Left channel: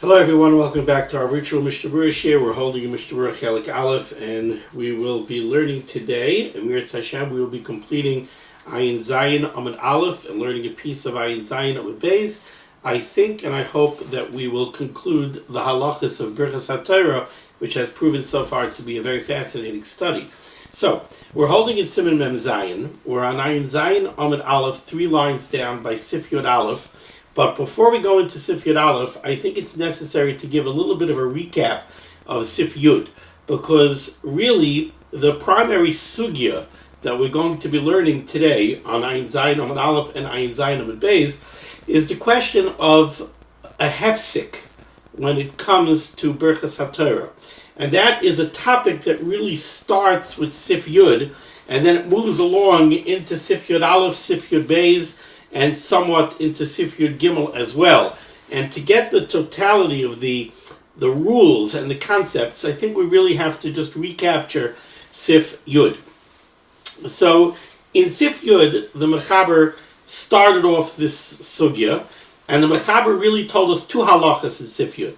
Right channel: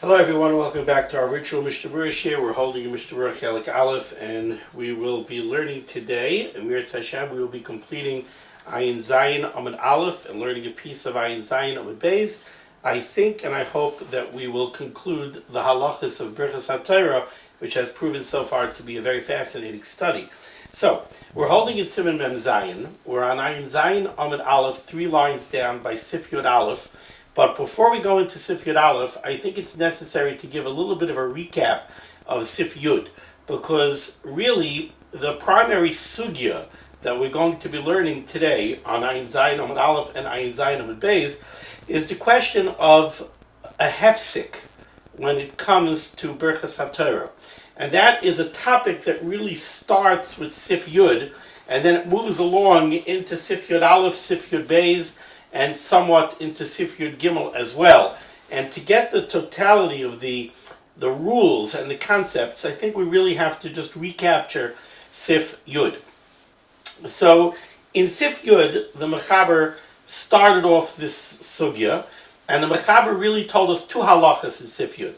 Hello everyone, welcome back to our virtual Mishnah Berurah share. We're holding a Mishnah Berurah Chelik Aleph, and we will be learning today, and Mir Hashem, we will be completing Ayin Zayin Amud Aleph and learning a piece of Ayin Zayin Amud Beis. I think and I hope that we will conclude the halachas of birchos HaTorah, which has proven so far to be a very fascinating study. So, we're holding in Siman Mem Zayin. We're on Ayin Zayin Amud Aleph, 3 lines down by Sif Yod Aleph. But before we go into Sif Yud Aleph, I think it's necessary to give a little bit of a recap of Sif Yud, because really the primary sugya that we're going to be learning today on Ayin Zayin Amud Aleph and Ayin Zayin Amud Beis is the question of a hefsek when it comes to birchos HaTorah. And that is a topic that really starts with Sif Yud, and then it moves along into Sif Yud Aleph, Sif Yud Beis, and somewhat into Sif Yud Gimel as well. And to get the totality of the rules and the concepts, I think we really have to just recapture Sif Yud. So in Sif Yud, the Mechaber started off this sugya, and the Mechaber really told us 2 halachas in Sif Yud.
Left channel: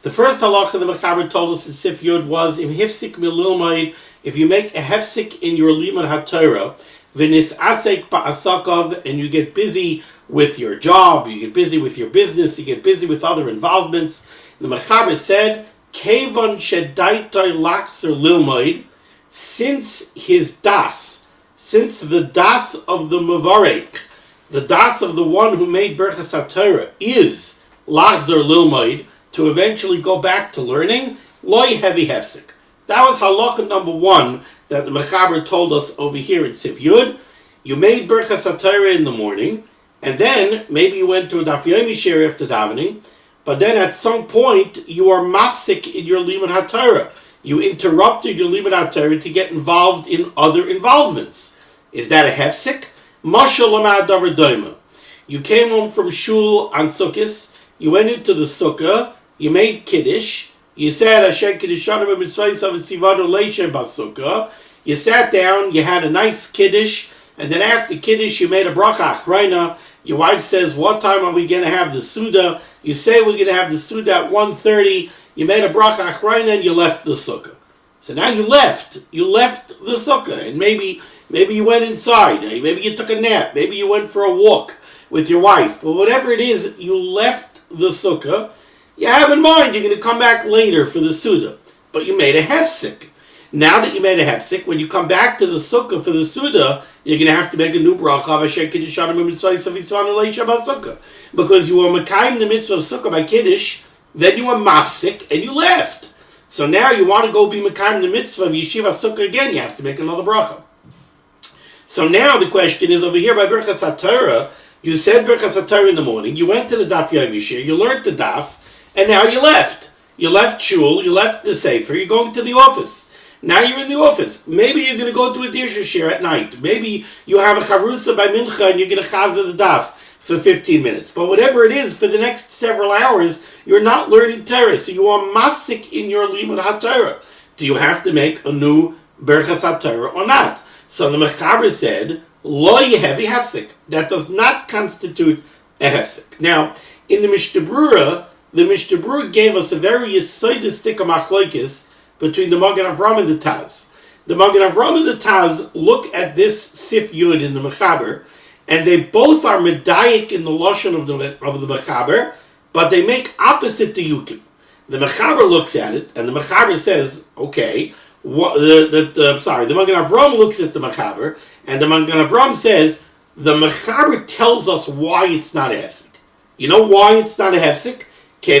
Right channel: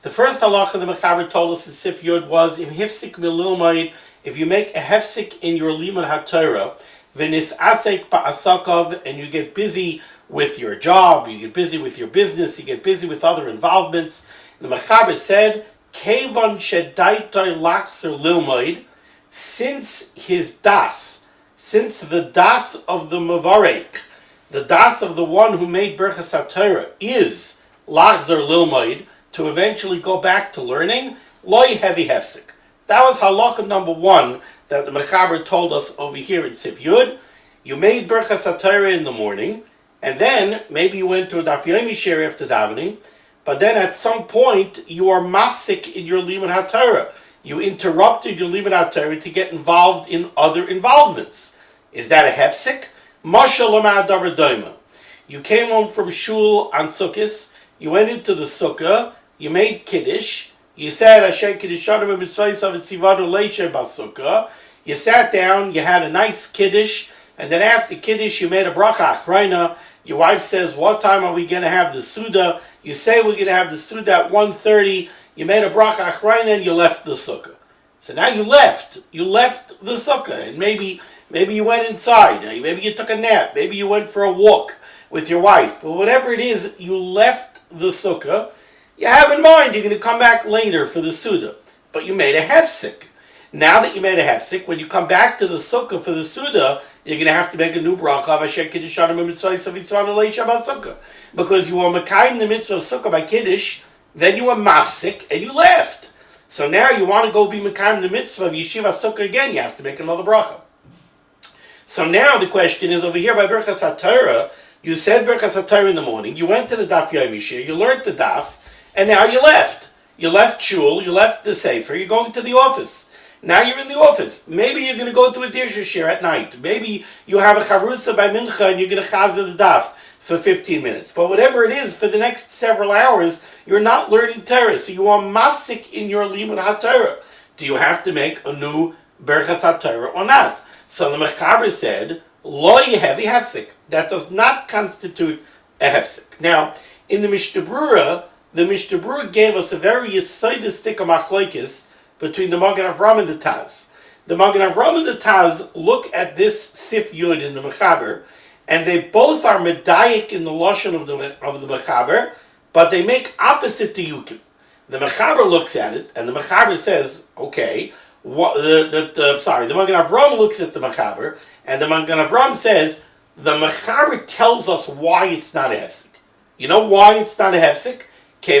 The first halacha the Mechaber told us in Sif Yud was in hefsek mililmaid, if you make a hefsek in your limud HaTorah, v'nisasek ba'asakav, and you get busy with your job, you get busy with your business, you get busy with other involvements. The Mechaber said, Kevan shedaitai lachser lilmaid, since his das, since the das of the Mavarek, the das of the one who made birchos HaTorah is lachzer lilmaid, to eventually go back to learning, loy heavy hefsek. That was halacha number 1 that the Mechaber told us over here in Sif Yud. You made birchos HaTorah in the morning, and then maybe you went to a daf yomi share after davening, but then at some point you are mafsik in your limud HaTorah. You interrupted your limud HaTorah to get involved in other involvements. Is that a hefsek? Mashal amad davar doima. You came home from shul on Sukkos, you went into the sukkah, you made kiddush, you said Asher Kiddushanim Mitzvaysav Tzivanu Leisha Basukah. You sat down, you had a nice kiddush, and then after kiddush you made a bracha achrayna. Your wife says, what time are we going to have the Suda? You say we're going to have the Suda at 1:30. You made a bracha achrayna and you left the sukkah. So now you left the sukkah, and maybe you went inside, maybe you took a nap, maybe you went for a walk with your wife. But whatever it is, you left the sukkah. You have in mind you're going to come back later for the Suda, but you made a hefsek. Now that you made a hefsek, when you come back to the sukkah for the Suda, you're going to have to make a new bracha of Asher Kiddushanim Mitzvaysav Tzivanu Leisha Basukah, because you were mekayim the mitzvah of sukkah by kiddush, then you were mafsik and you left. So now you want to go be mekayim the mitzvah of yeshiva sukkah again. You have to make another bracha. So now the question is, over here by birchos HaTorah, you said birchos HaTorah in the morning, you went to the daf yomi share, you learned the daf, and now you left. You left shul, you left the sefer, you're going to the office. Now you're in the office. Maybe you're going to go to a Dirshu share at night. Maybe you have a charusa by mincha and you're going to chazer the daf for 15 minutes. But whatever it is, for the next several hours, you're not learning Torah. So you are masik in your limud HaTorah. Do you have to make a new birchos HaTorah or not? So the Mechaber said, lo yehevi hefsek. That does not constitute a hefsek. Now, in the Mishnah Berurah, the Mishnah Berurah gave us a very yisoidistic machlokes between the Magen Avraham and the Taz. The Magen Avraham and the Taz look at this Sif Yud in the Mechaber, and they both are medayik in the lashon of the Mechaber, but they make opposite diyukim. The Mechaber looks at it, and the Mechaber says, okay, the Magen Avraham looks at the Mechaber, and the Magen Avraham says, the Mechaber tells us why it's not a hefsek. You know why it's not a hefsek? The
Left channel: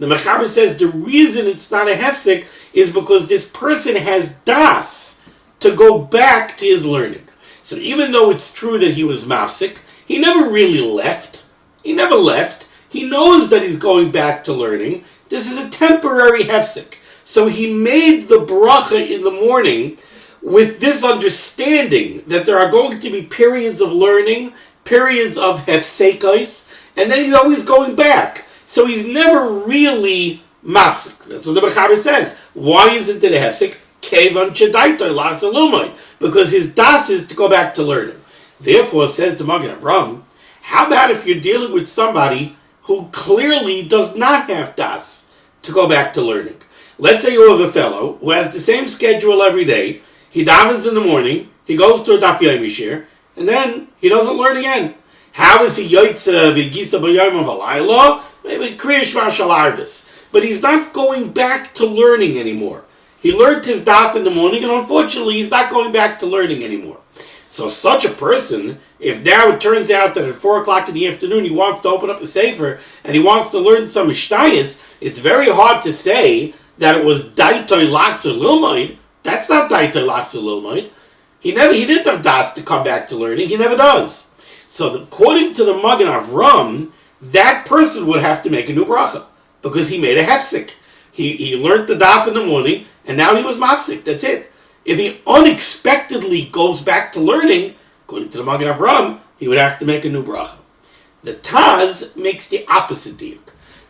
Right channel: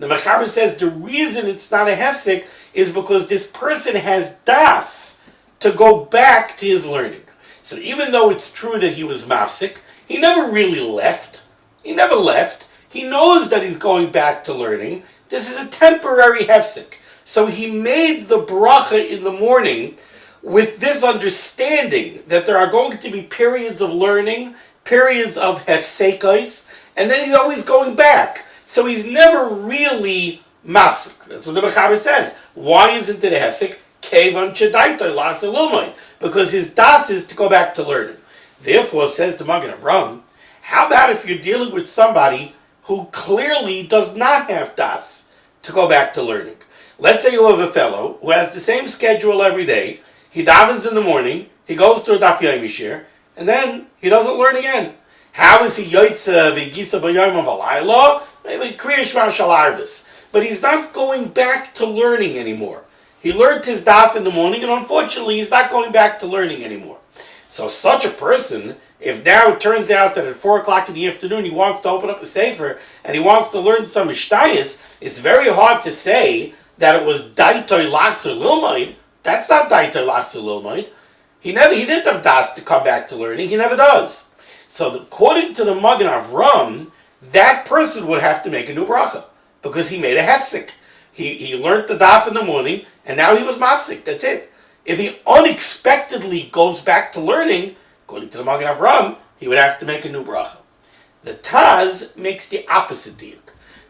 Mechaber says the reason it's not a hefsek is because this person has das to go back to his learning. So even though it's true that he was mafsik, he never really left. He never left. He knows that he's going back to learning. This is a temporary hefsek. So he made the bracha in the morning with this understanding that there are going to be periods of learning, periods of hefsekos, and then he's always going back. So he's never really mafsik. That's what the Mechaber says. Why isn't it a hefsek? Kevan chedaitoi lasa lumay. Because his das is to go back to learning. Therefore, says the Magen Avraham, how about if you're dealing with somebody who clearly does not have das to go back to learning. Let's say you have a fellow who has the same schedule every day. He davens in the morning, he goes to a daf yomi shir, and then he doesn't learn again. How is he yoytze v'gisa b'yom of alayla? Maybe kriya shma shel arvis. But he's not going back to learning anymore. He learned his daf in the morning, and unfortunately, he's not going back to learning anymore. So such a person, if now it turns out that at 4 o'clock in the afternoon he wants to open up a sefer and he wants to learn some mishnayos, it's very hard to say that it was daitoi lachzer lilmoid. That's not daitoi lachzer lilmoid. He didn't have das to come back to learning. He never does. So according to the Magen Avram, that person would have to make a new bracha because he made a hefsek. He learned the daf in the morning and now he was mafsik. That's it. If he unexpectedly goes back to learning, according to the Magen Avram, he would have to make a new bracha. The Taz makes the opposite diuk.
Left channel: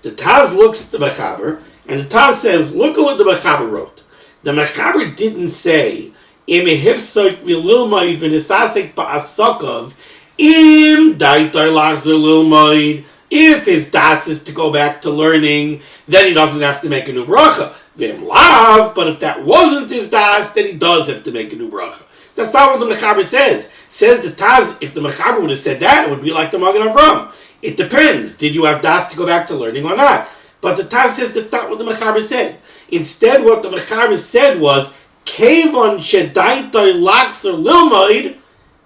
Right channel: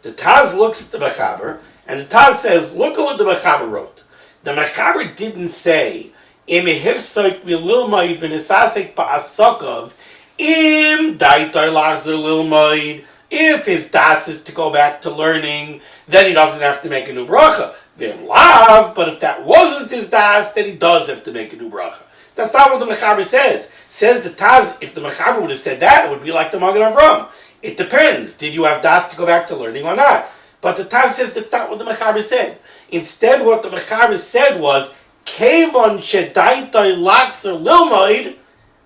The Taz looks at the Mechaber, and the Taz says, look at what the Mechaber wrote. The Mechaber didn't say, Im hefsek mililmaid v'nesasek ba'asokov, im daitai lachzer lilmaid. If his das is to go back to learning, then he doesn't have to make a new bracha. V'im lav, but if that wasn't his das, then he does have to make a new bracha. That's not what the Mechaber says. Says the Taz, if the Mechaber would have said that, it would be like the Magen Avram. It depends. Did you have das to go back to learning or not? But the Taz says that's not what the Mechaber said. Instead, what the Mechaber said was, Kevon shedaitai lachzer lilmaid,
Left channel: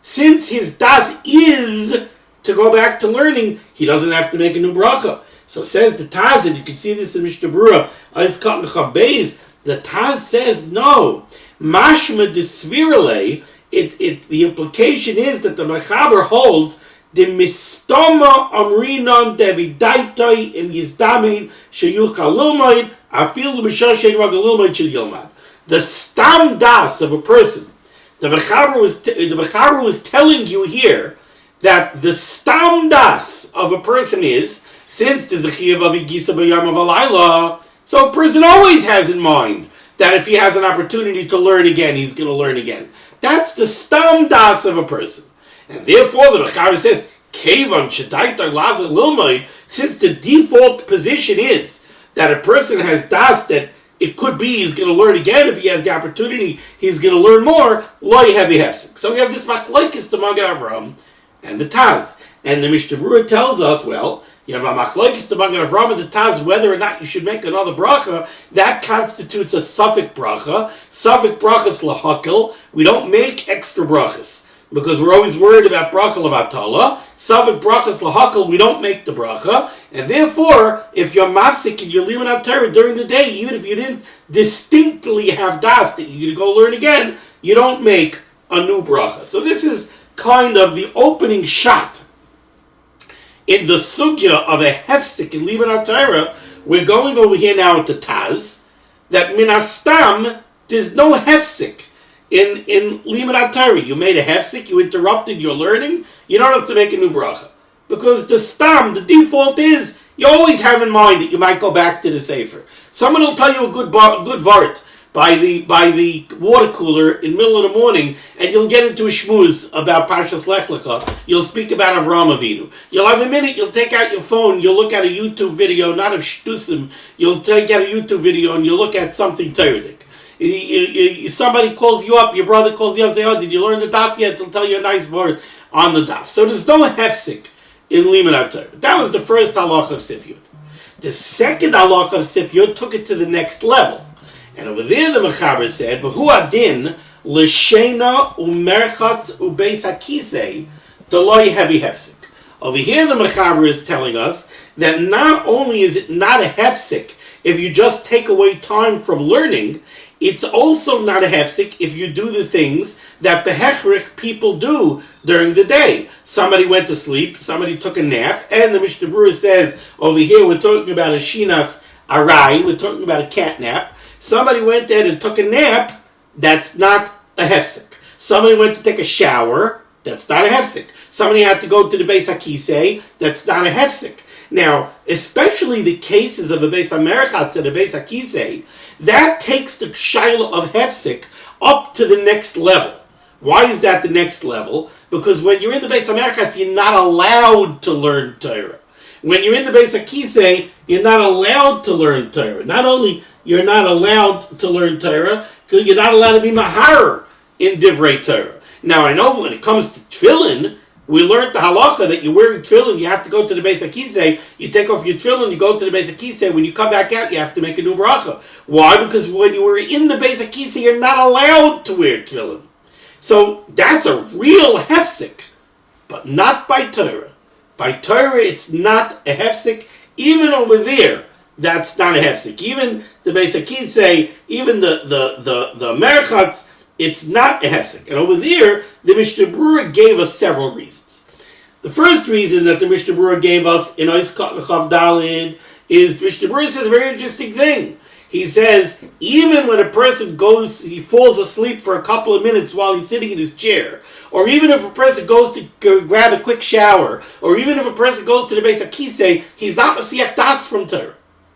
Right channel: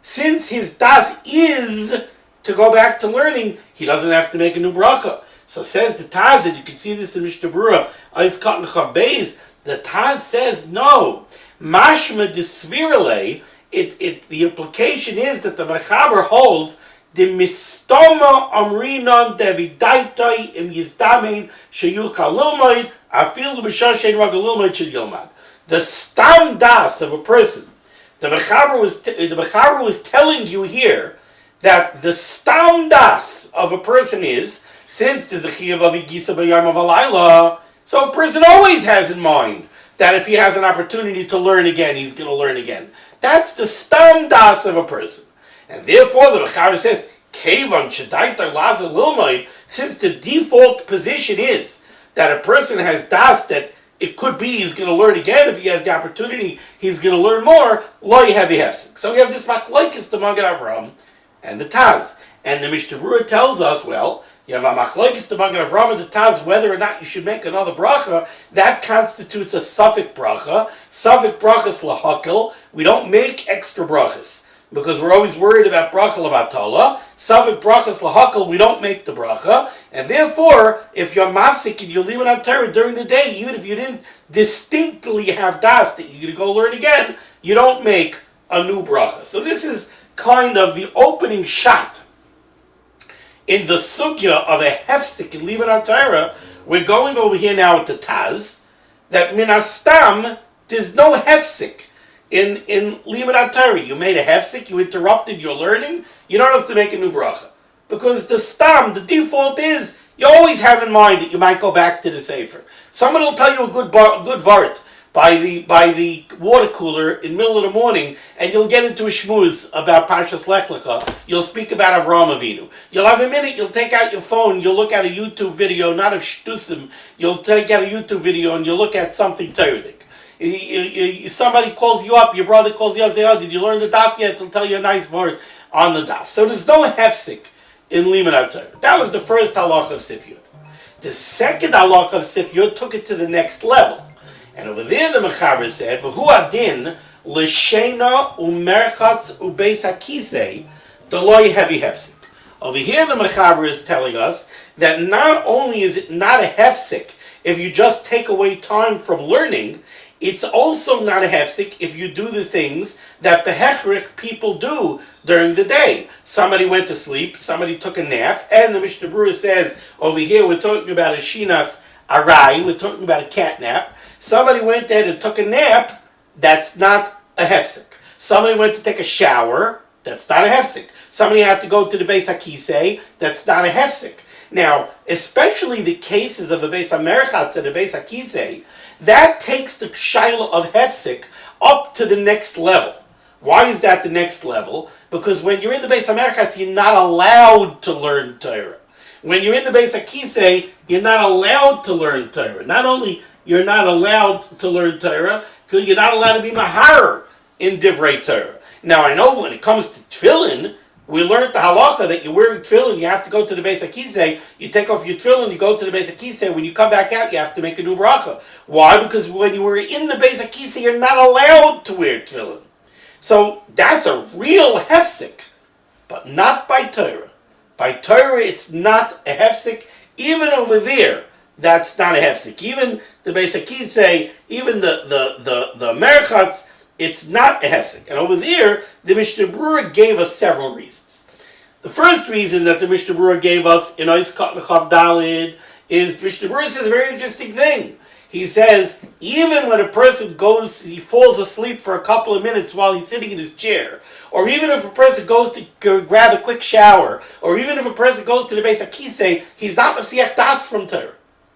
since his das is to go back to learning, he doesn't have to make a new bracha. So says the Taz, and you can see this in Mishnah Berurah, the Taz says no. Mashma desvirale, the implication is that the Mechaber holds the mistama amrinan devidaitai im yizdamein sheyucha lilmaid afil b'shashen ragal lilmaid shel yilmad. The stam das of a person, the Mechaber was telling you here that the stam das of a person is, since there's a chiyuv of igisa b'yom of alayla, so a person always has in mind that if he has an opportunity to learn again, he's going to learn again. That's the stam das of a person. And therefore, the Mechaber says, Kevan shedaitar lazer lilmaid, since the default position is that a person has das that it could be he's going to learn again. If he has the opportunity, he's going to learn more. Lo heavy hefsek. So we have this machlokes to Magen Avram and the Taz. And the Mishnah Berurah tells us, well, you have a machlokes to Magen Avram and the Taz, whether or not you should make another bracha. That constitutes a suffik bracha. Suffik brachas lahakel. We don't make extra brachas because we're always worried about bracha levatala. Suffik brachas lahakel, we don't make the bracha. And therefore, if you're mafsik and you're leaving on Torah during the day, even if you didn't distinctly have das that you're going to go learn again, you don't make a new bracha. So this is kind of the opening shot in the sugya of a hefsek and leaving on Torah. We're going over here now at the Taz, that minastam, there's no hefsek in limud Torah. You made a hefsek, you interrupted your learning, you don't have to make a new bracha. Because the stam, the default is, you always have in mind that you might go back to the sefer. Someone will tell you a good vart by the water cooler in the middle of the morning, and you'll get into a shmooze about Parshas Lech Lecha. You'll speak about Avraham Avinu. You'll have a minute, you'll take out your phone, you'll look at a YouTube video, not of shtusim, you'll take out a YouTube video and you'll look at something Torah. Somebody calls you up, your brother calls you up and says, oh, did you learn the daf yet? He'll tell you a nice word on the daf. So there's no hefsek in limud Torah. That was the first halacha of Sifyot. The second halacha of Sifyot took it to the next level. And over there the Mechaber said, V'hu adin l'shena u'merchatz u'beis hakisei d'loi heavy hefsek. Over here the Mechaber is telling us that not only is it not a hefsek if you just take away time from learning, it's also not a hefsek if you do the things that behechrich people do during the day. Somebody went to sleep, somebody took a nap, and the Mishnah Berurah says, over here we're talking about a shinas arai, we're talking about a cat nap. Somebody went there and took a nap, that's not a hefsek. Somebody went to take a shower, that's not a hefsek. Somebody had to go to the Beis HaKisei, that's not a hefsek. Now, especially the cases of a Beis HaMerchatz and a Beis HaKisei, that takes the shaila of hefsek up to the next level. Why is that the next level? Because when you're in the Beis HaMerchatz, you're not allowed to learn Torah. When you're in the Beis HaKisei, you're not allowed to learn Torah. Not only you're not allowed to learn Torah, you're not allowed to be mahar in Divrei Torah. Now, I know when it comes to tefillin, we learned the halacha that you're wearing tefillin, you have to go to the Beis HaKisei, you take off your tefillin, you go to the Beis HaKisei, when you come back out, you have to make a new beracha. Why? Because when you were in the Beis HaKisei, you're not allowed to wear tefillin. So that's a real hefsek, but not by Torah. By Torah, it's not a hefsek. Even over there, that's not a hefsek. Even the Beis HaKisei, even the merachos, it's not a hefsek. And over there, the Mishnah Berurah gave us several reasons. The first reason that the Mishnah Berurah gave us in Ois Katan Chav Dalid is Mishnah Berurah says a very interesting thing. He says, even when a person he falls asleep for a couple of minutes while he's sitting in his chair, or even if a person goes to grab a quick shower, or even if a person goes to the Beis HaKisei, he's not Masiach Das from Torah.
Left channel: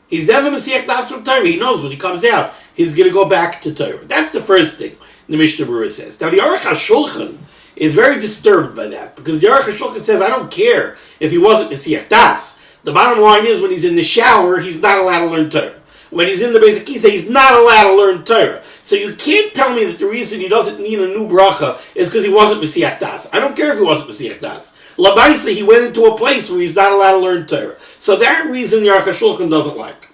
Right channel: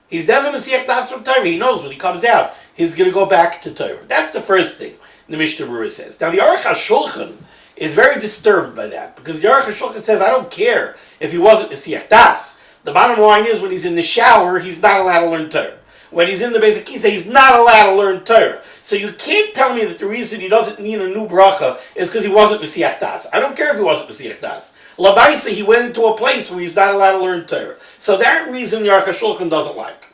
He's never Masiach Das from Torah. He knows when he comes out, he's going to go back to Torah. That's the first thing the Mishnah Berurah says. Now, the Aruch HaShulchan is very disturbed by that, because the Aruch HaShulchan says, I don't care if he wasn't Masiach Das. The bottom line is, when he's in the shower, he's not allowed to learn Torah. When he's in the Beis HaKisei, he's not allowed to learn Torah. So you can't tell me that the reason he doesn't need a new bracha is because he wasn't Masiach Das. I don't care if he wasn't Masiach Das. Labaisa, he went into a place where he's not allowed to learn Torah. So that reason the Aruch HaShulchan doesn't like.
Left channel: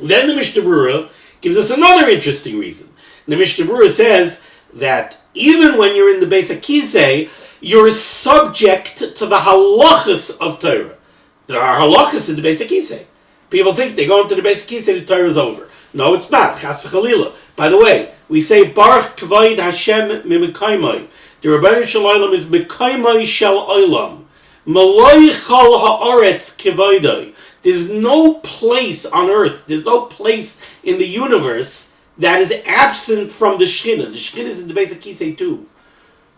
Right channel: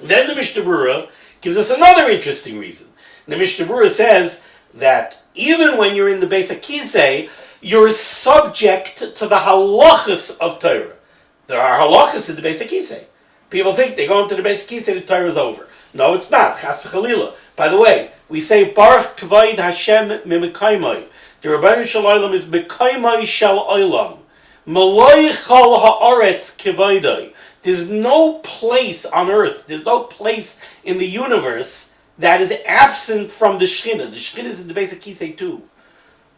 Then the Mishnah Berurah gives us another interesting reason. The Mishnah Berurah says that even when you're in the Beis HaKisei, you're subject to the halachas of Torah. There are halachas in the Beis HaKisei. People think they go into the Beis HaKisei, the Torah is over. No, it's not. Chas v'chalila. By the way, we say Baruch Kavod Hashem Mimekaymai. The Rebbeinu Shalom is Mekaymai Shel Olam. Maloi Chal Haaretz Kavoidai. There's no place on earth, there's no place in the universe that is absent from the Shekhinah. The Shekhinah is in the Beis HaKisei too.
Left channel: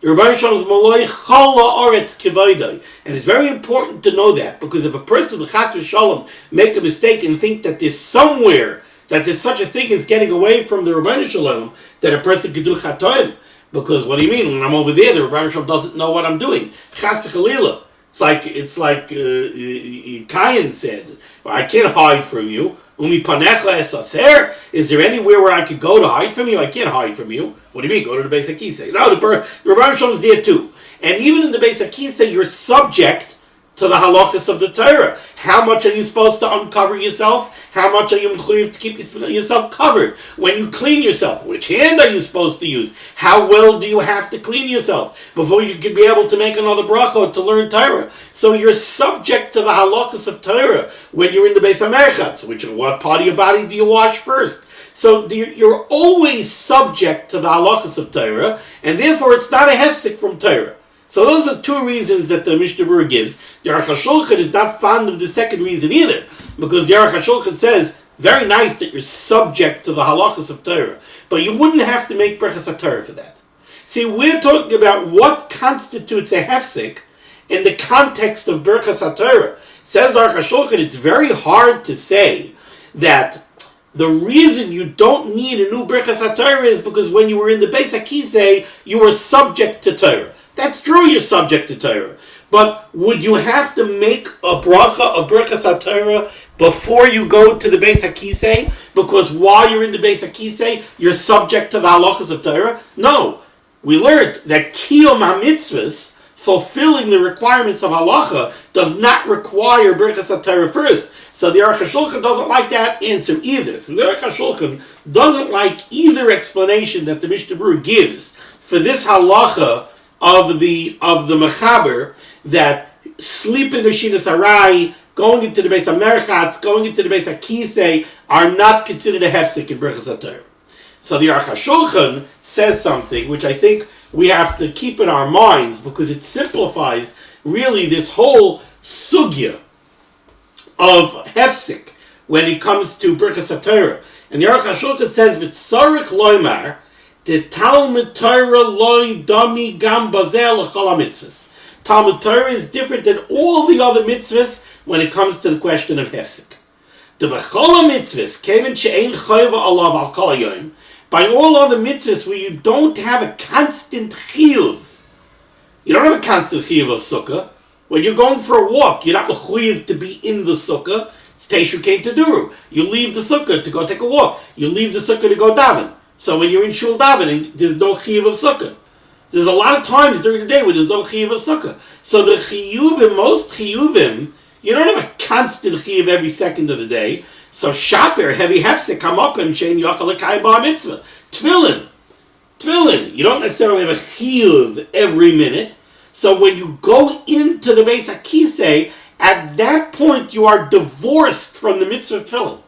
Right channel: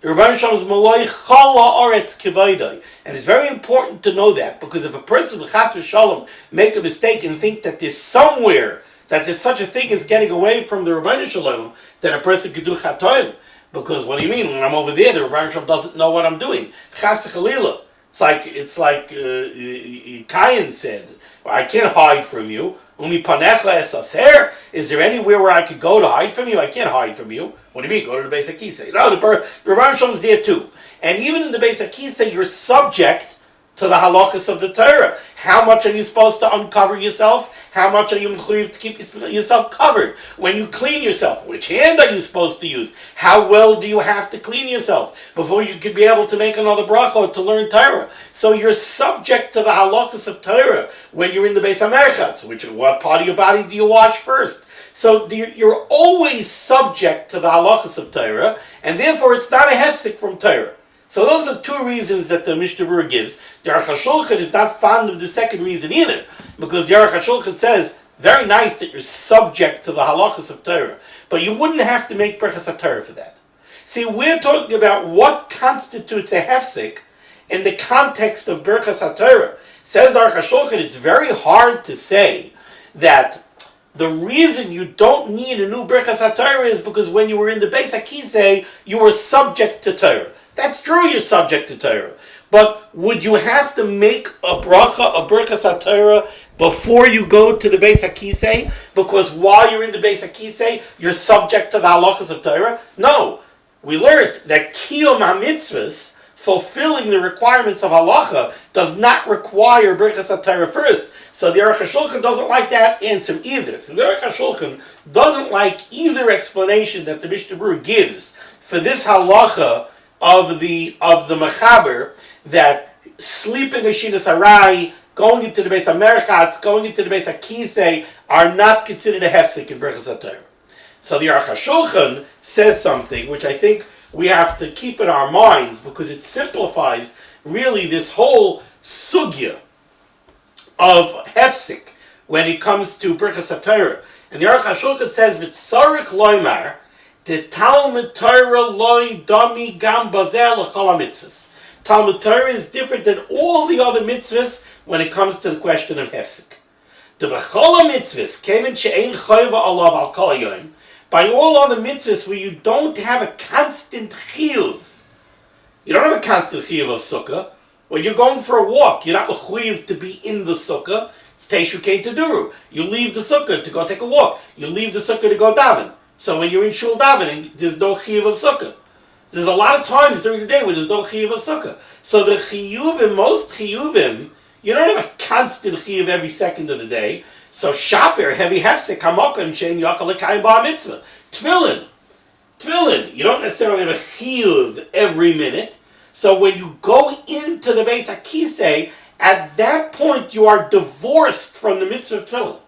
The Rebbeinu Shalom is Maloi Chal Haaretz Kavoidai. And it's very important to know that, because if a person with Chas v'Shalom make a mistake and think that there's somewhere that there's such a thing as getting away from the Rebbeinu Shalom, that a person could do chatoim. Because what do you mean? When I'm over there, the Rebbeinu Shalom doesn't know what I'm doing. Chas v'chalila. It's like Cain said, well, I can't hide from you. Umi panecha esaser. Is there anywhere where I could go to hide from you? I can't hide from you. What do you mean? Go to the Beis HaKisei. No, the Rebbeinu Shalom is there too. And even in the Beis HaKisei, you're subject to the halachas of the Torah. How much are you supposed to uncover yourself? How much are you mechuyev to keep yourself covered? When you clean yourself, which hand are you supposed to use? How well do you have to clean yourself before you can be able to make another bracha to learn Torah? So you're subject to the halachas of Torah when you're in the Beis HaMerachos, which what part of your body do you wash first? So you're always subject to the halachas of Torah, and therefore it's not a hefsek from Torah. So those are two reasons that the Mishnah Berurah gives. The Aruch HaShulchan is not fond of the second reason either, because the Aruch HaShulchan says, very nice that you're subject to the halachas of Torah, but you wouldn't have to make birchos HaTorah for that. See, we're talking about what constitutes a hefsek in the context of birchos HaTorah. Says the Aruch HaShulchan, it's very hard to say that the reason you don't need a new birchos HaTorah is because when you were in the Beis HaKisei, you were subject to Torah. That's true, you're subject to Torah. But would you have to make a bracha, a birchos HaTorah, before you go to the Beis HaKisei? Because while you're in the Beis HaKisei, you're subject to the halachas of Torah? No. We learned that kiyum ha-mitzvahs, fulfilling the requirements of halacha, does not require birchos HaTorah first. So the Aruch HaShulchan doesn't like that answer either. So the Aruch HaShulchan doesn't like either explanation that the Mishnah Berurah gives for this halacha of the mechaber, that sleeping Ashinas Arai, going into the Beis HaMerachos, going into the Beis HaKisei are not considered a hefsek in birchos HaTorah. So the Aruch HaShulchan says something which I think we have to keep in our minds, because it simplifies really this whole sugya of hefsek when it comes to birchos HaTorah. And the Aruch HaShulchan says, "V'tzarich loymar, the Talmud Torah loy dami gam bazel l'chol mitzvahs." Talmud Torah is different than all the other mitzvahs when it comes to the question of hefsek. The b'chol mitzvahs kemen she'ein chayva alav al kol hayom. By all other mitzvahs where you don't have a constant chiyuv, you don't have a constant chiyuv of sukkah. When you're going for a walk, you're not mechuyev to be in the sukkah. It's Teshu came to Duru. You leave the sukkah to go take a walk. You leave the sukkah to go daven. So when you're in shul davening, there's no chiyuv of sukkah. There's a lot of times during the day where there's no chiyuv of sukkah. So the chiyuvim, most chiyuvim, you don't have a constant chiyuv every second of the day. So shaper, heavy hefsek, hamakan, shein yachal l'kai bar mitzvah. Tefillin. You don't necessarily have a chiyuv every minute. So when you go into the Beis HaKisei, at that point you are divorced from the mitzvah of tefillin.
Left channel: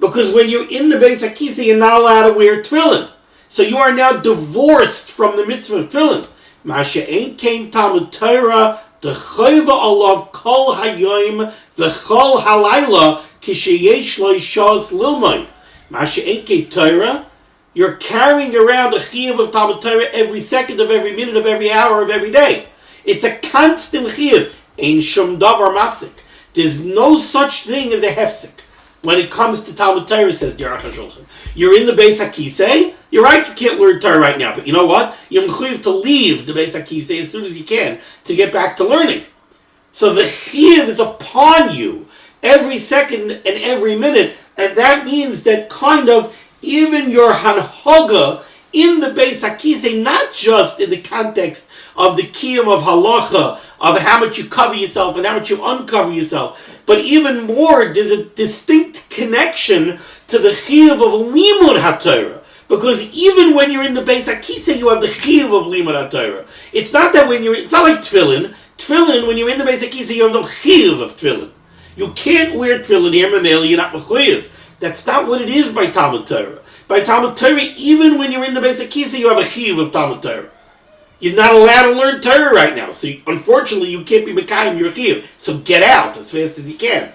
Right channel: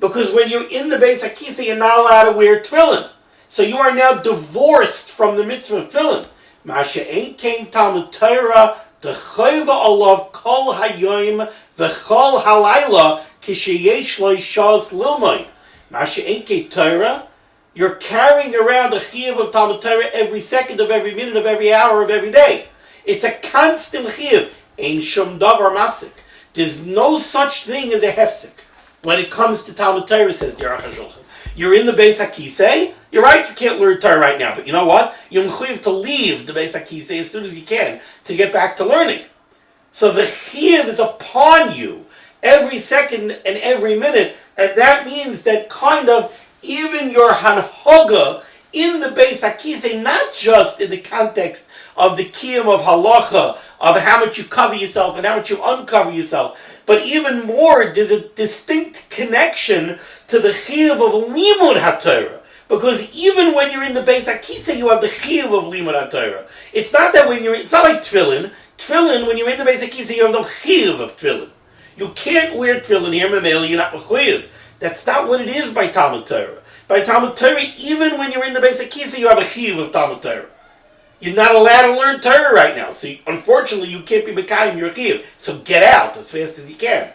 Because when you're in the Beis HaKisei, you're not allowed to wear tefillin. So you are now divorced from the mitzvah of tefillin. Masha ain't came Talmud Torah, the chayva alav kol hayoim, the chol halayla, kisheyesh lo yishas lilmai. Masha ain't came Torah, you're carrying around the chiyuv of Talmud Torah every second of every minute of every hour of every day. It's a constant chiyuv. Ein shum davar mafsik. There's no such thing as a hefsek. When it comes to Talmud Torah, says the Aruch HaShulchan. You're in the Beis HaKisei. You're right, you can't learn Torah right now. But you know what? You're mechuyev to leave the Beis HaKisei as soon as you can to get back to learning. So the chiyuv is upon you every second and every minute. And that means that kind of even your hanhaga in the Beis HaKisei, not just in the context of the kiyum of halacha, of how much you cover yourself and how much you uncover yourself, but even more, there's a distinct connection to the chiyuv of limud HaTorah. Because even when you're in the Beis HaKisei, you have the chiyuv of limud HaTorah. It's not that it's not like tefillin. Tefillin, when you're in the Beis HaKisei, you have no chiyuv of tefillin. You can't wear tefillin here, mamela, you're not mechuyev. That's not what it is by Talmud Torah. By Talmud Torah, even when you're in the Beis HaKisei, you have a chiyuv of Talmud Torah. You're not allowed to learn Torah right now. So unfortunately, you can't be mekayim your chiyuv. So get out as fast as you can.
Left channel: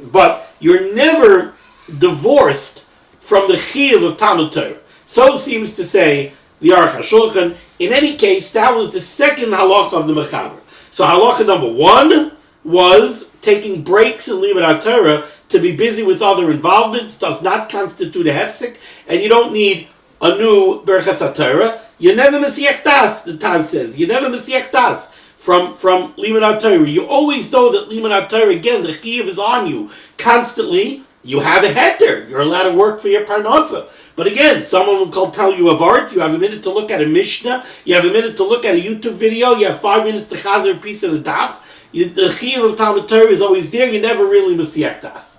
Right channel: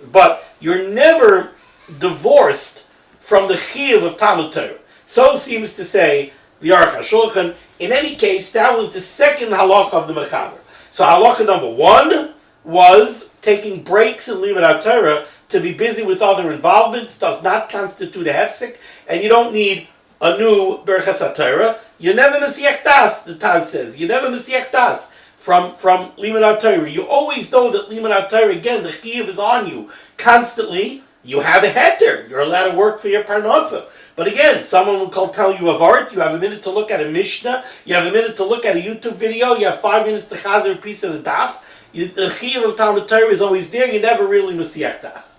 But you're never divorced from the chiyuv of Talmud Torah. So seems to say the Aruch HaShulchan. In any case, that was the second halacha of the mechaber. So halacha number 1 was taking breaks in limud HaTorah to be busy with other involvements does not constitute a hefsek, and you don't need a new birchos HaTorah. You're never Mesiach Das, the Taz says. You're never Mesiach Das from limud HaTorah. You always know that limud HaTorah, again, the chiyuv is on you constantly. You have a heter. You're allowed to work for your parnasa. But again, someone will tell you of art. You have a minute to look at a Mishnah. You have a minute to look at a YouTube video. You have 5 minutes to chazer a piece of the daf. The chiyuv of Talmud Torah is always there. You're never really Mesiach Das.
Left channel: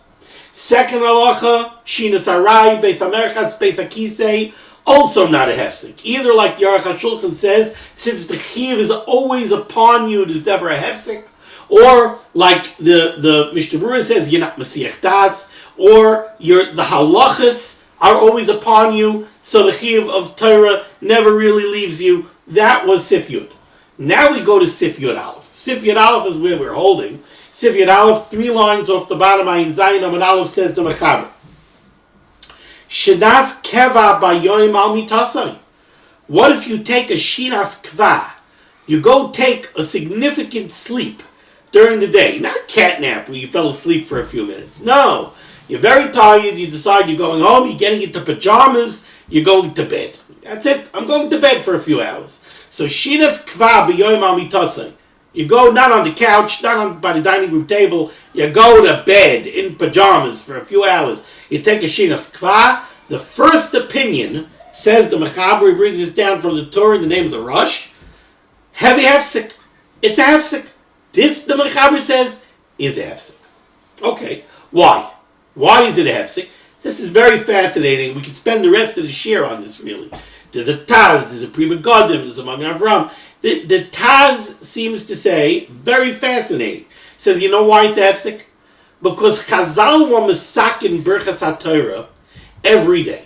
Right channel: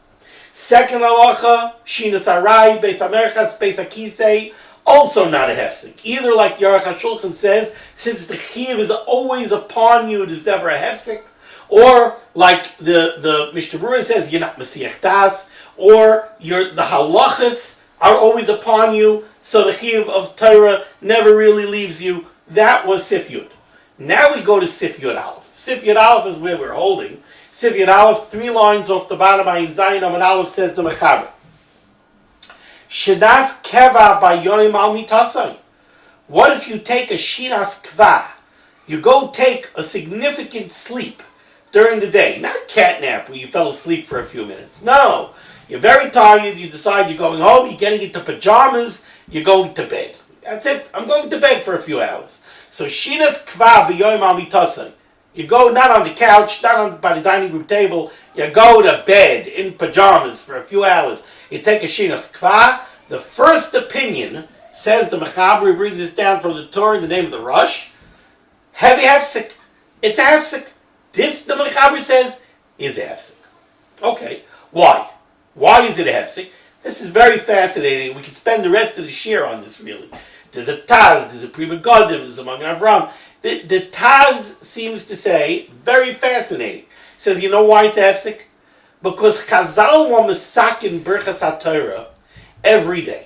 Second halacha, Shinas Arai, Beis HaMerchas, Beis HaKisei, also not a hefsek. Either like the Aruch HaShulchan says, since the chiyuv is always upon you, it is never a hefsek, or like the Mishnah Berurah says, you're not Mesiach Das, or the halachas are always upon you, so the chiyuv of Torah never really leaves you. That was Sif Yud. Now we go to Sif Yud Aleph. Sif Yud Aleph is where we're holding. Sif Yud Aleph, 3 lines off the bottom, Ayin Zayin Amud Aleph, says the mechaber. Shinas keva bayoim al mitasai. What if you take a shinas kva? You go take a significant sleep during the day. Not a cat nap where you fell asleep for a few minutes. No. You're very tired, you decide you're going home, you're getting into pajamas, you're going to bed. That's it. I'm going to bed for a few hours. So shinas kva bayoim al mitasai. You go not on the couch, not by the dining room table. You go to bed in pajamas for a few hours. You take a shinas kva. The first opinion, says the mechaber, brings this down from the Torah in the name of the Rush. Heavy hefsek. It's a hefsek. This, the mechaber says, is a hefsek. Okay. Why? Why is it a hefsek? This is very fascinating. We could spend the rest of the shir on this, really. There's a Taz, there's a Pri Megadim, there's a Magen Avram. The Taz seems to say, very fascinating, says, you know why it's a hefsek? Because Chazal were mesakin birchos HaTorah every day.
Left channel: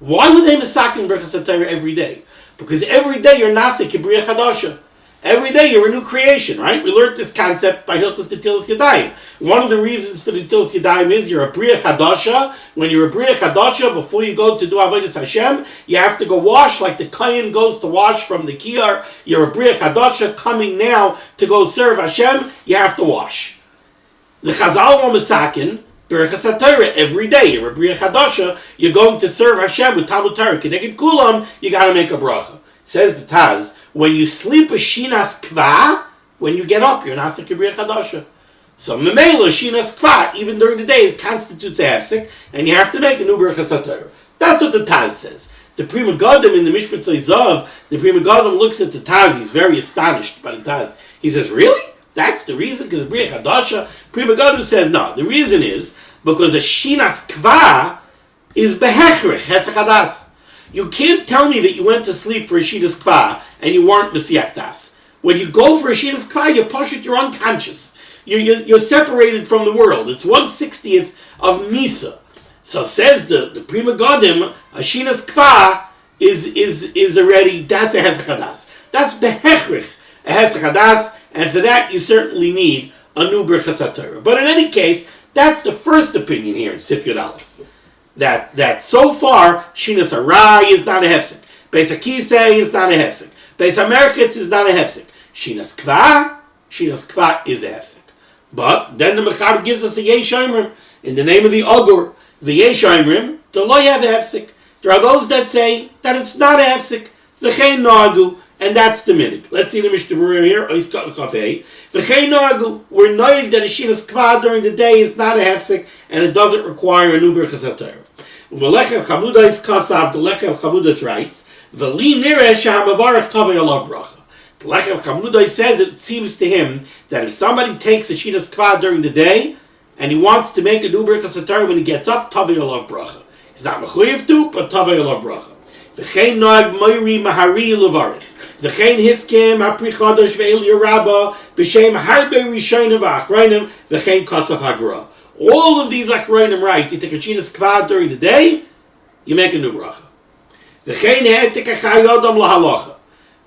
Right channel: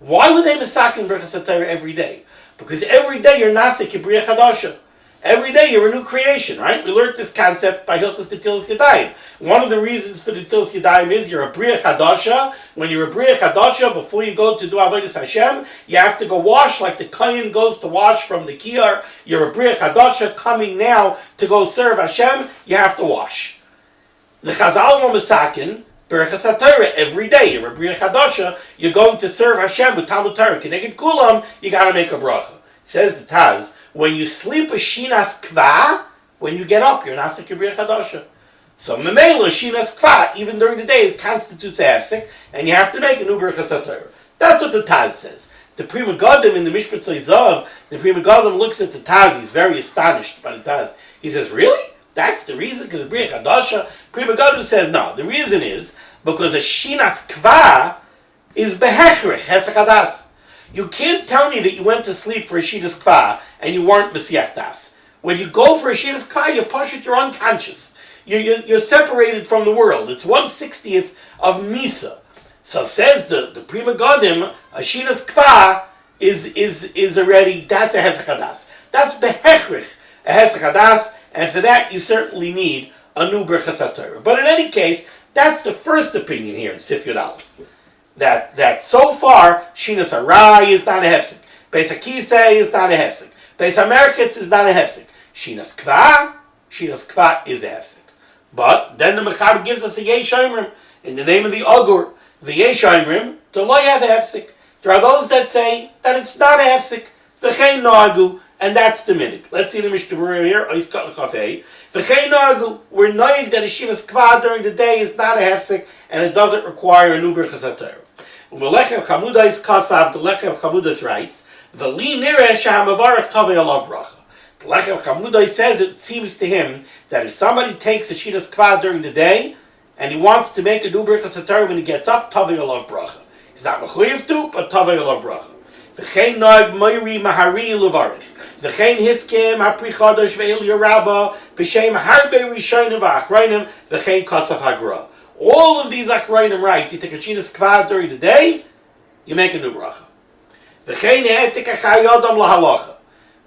Why would they mesakin birchos HaTorah every day? Because every day you're nasik kibriya chadasha. Every day you're a new creation, right? We learned this concept by Hilchos Netilas Yadayim. One of the reasons for the Netilas Yadayim is you're a Briya Chadasha. When you're a Briya Chadasha, before you go to do Avodas Hashem, you have to go wash like the Kohen goes to wash from the Kiyar. You're a Briya Chadasha coming now to go serve Hashem, you have to wash. The Chazal were mesakin birchos HaTorah every day. You're a Briya Chadasha, you're going to serve Hashem with Talmud Torah. Keneged Kulam, you got to make a bracha. Says the Taz, when you sleep a shinas kva, when you get up, you're an asik b'riach hadasha. So memela shinas kva, even during the day, it constitutes a hefsek, and you have to make a new birchos HaTorah. That's what the Taz says. The Prima Gadim in the Mishpat Zav, the Prima Gadim looks at the Taz. He's very astonished by the Taz. He says, "Really? That's the reason? Because b'riach hadasha?" Prima Gadim says, "No. The reason is because a shinas kva is behechrich hefsek hadas. You can't tell me that you went to sleep for a shinas kva and you weren't mesiach das. When you go for a shinas kva, you're pashut, you're unconscious. You're separated from the world. It's 1/60th of Misa." So says the Prima Gadim, a shinas kva is already, that's a hefsek hadas. That's behechrich, a hefsek hadas, and for that you certainly need a new birchos HaTorah. But in any case, that's the first opinion here in Sif Yud Aleph. That so far, shinas harai is not a hefsek. Beis HaKisei is not a hefsek. Beis HaMerketz is not a hefsek. Shinas kva is a hefsek. But then the Mechab gives us a yesh omrim in the name of the Ogur. The yesh omrim, to lo have a hefsek. There are those that say that it's not a hefsek. V'chein nagu, and that's the minig. Let's see the Mishnah Berurah here. V'chein nagu, we're knowing that a shinas kva during the day is not a hefsek, and it doesn't require a new birchos HaTorah. U'melechem chamudais kasav, the lechem chamudais writes, v'li nireh shehamavarech tovei alav bracha. The lechem chamudais says it seems to him that if somebody takes a shinas kva during the day, and he wants to make a new birchos HaTorah when he gets up, tovei alav bracha. He's not mechuyev to, but tovei alav bracha. V'chein noag moiri mahari levarich. V'chein hiskim ha'pri chodesh ve'il yerabba b'shem harbe rishonim v'achronim v'chein kasav hagra. All of these achronim write, you take a shinas kva during the day, you make a new bracha. V'chein he'etik achai yodam lahalacha.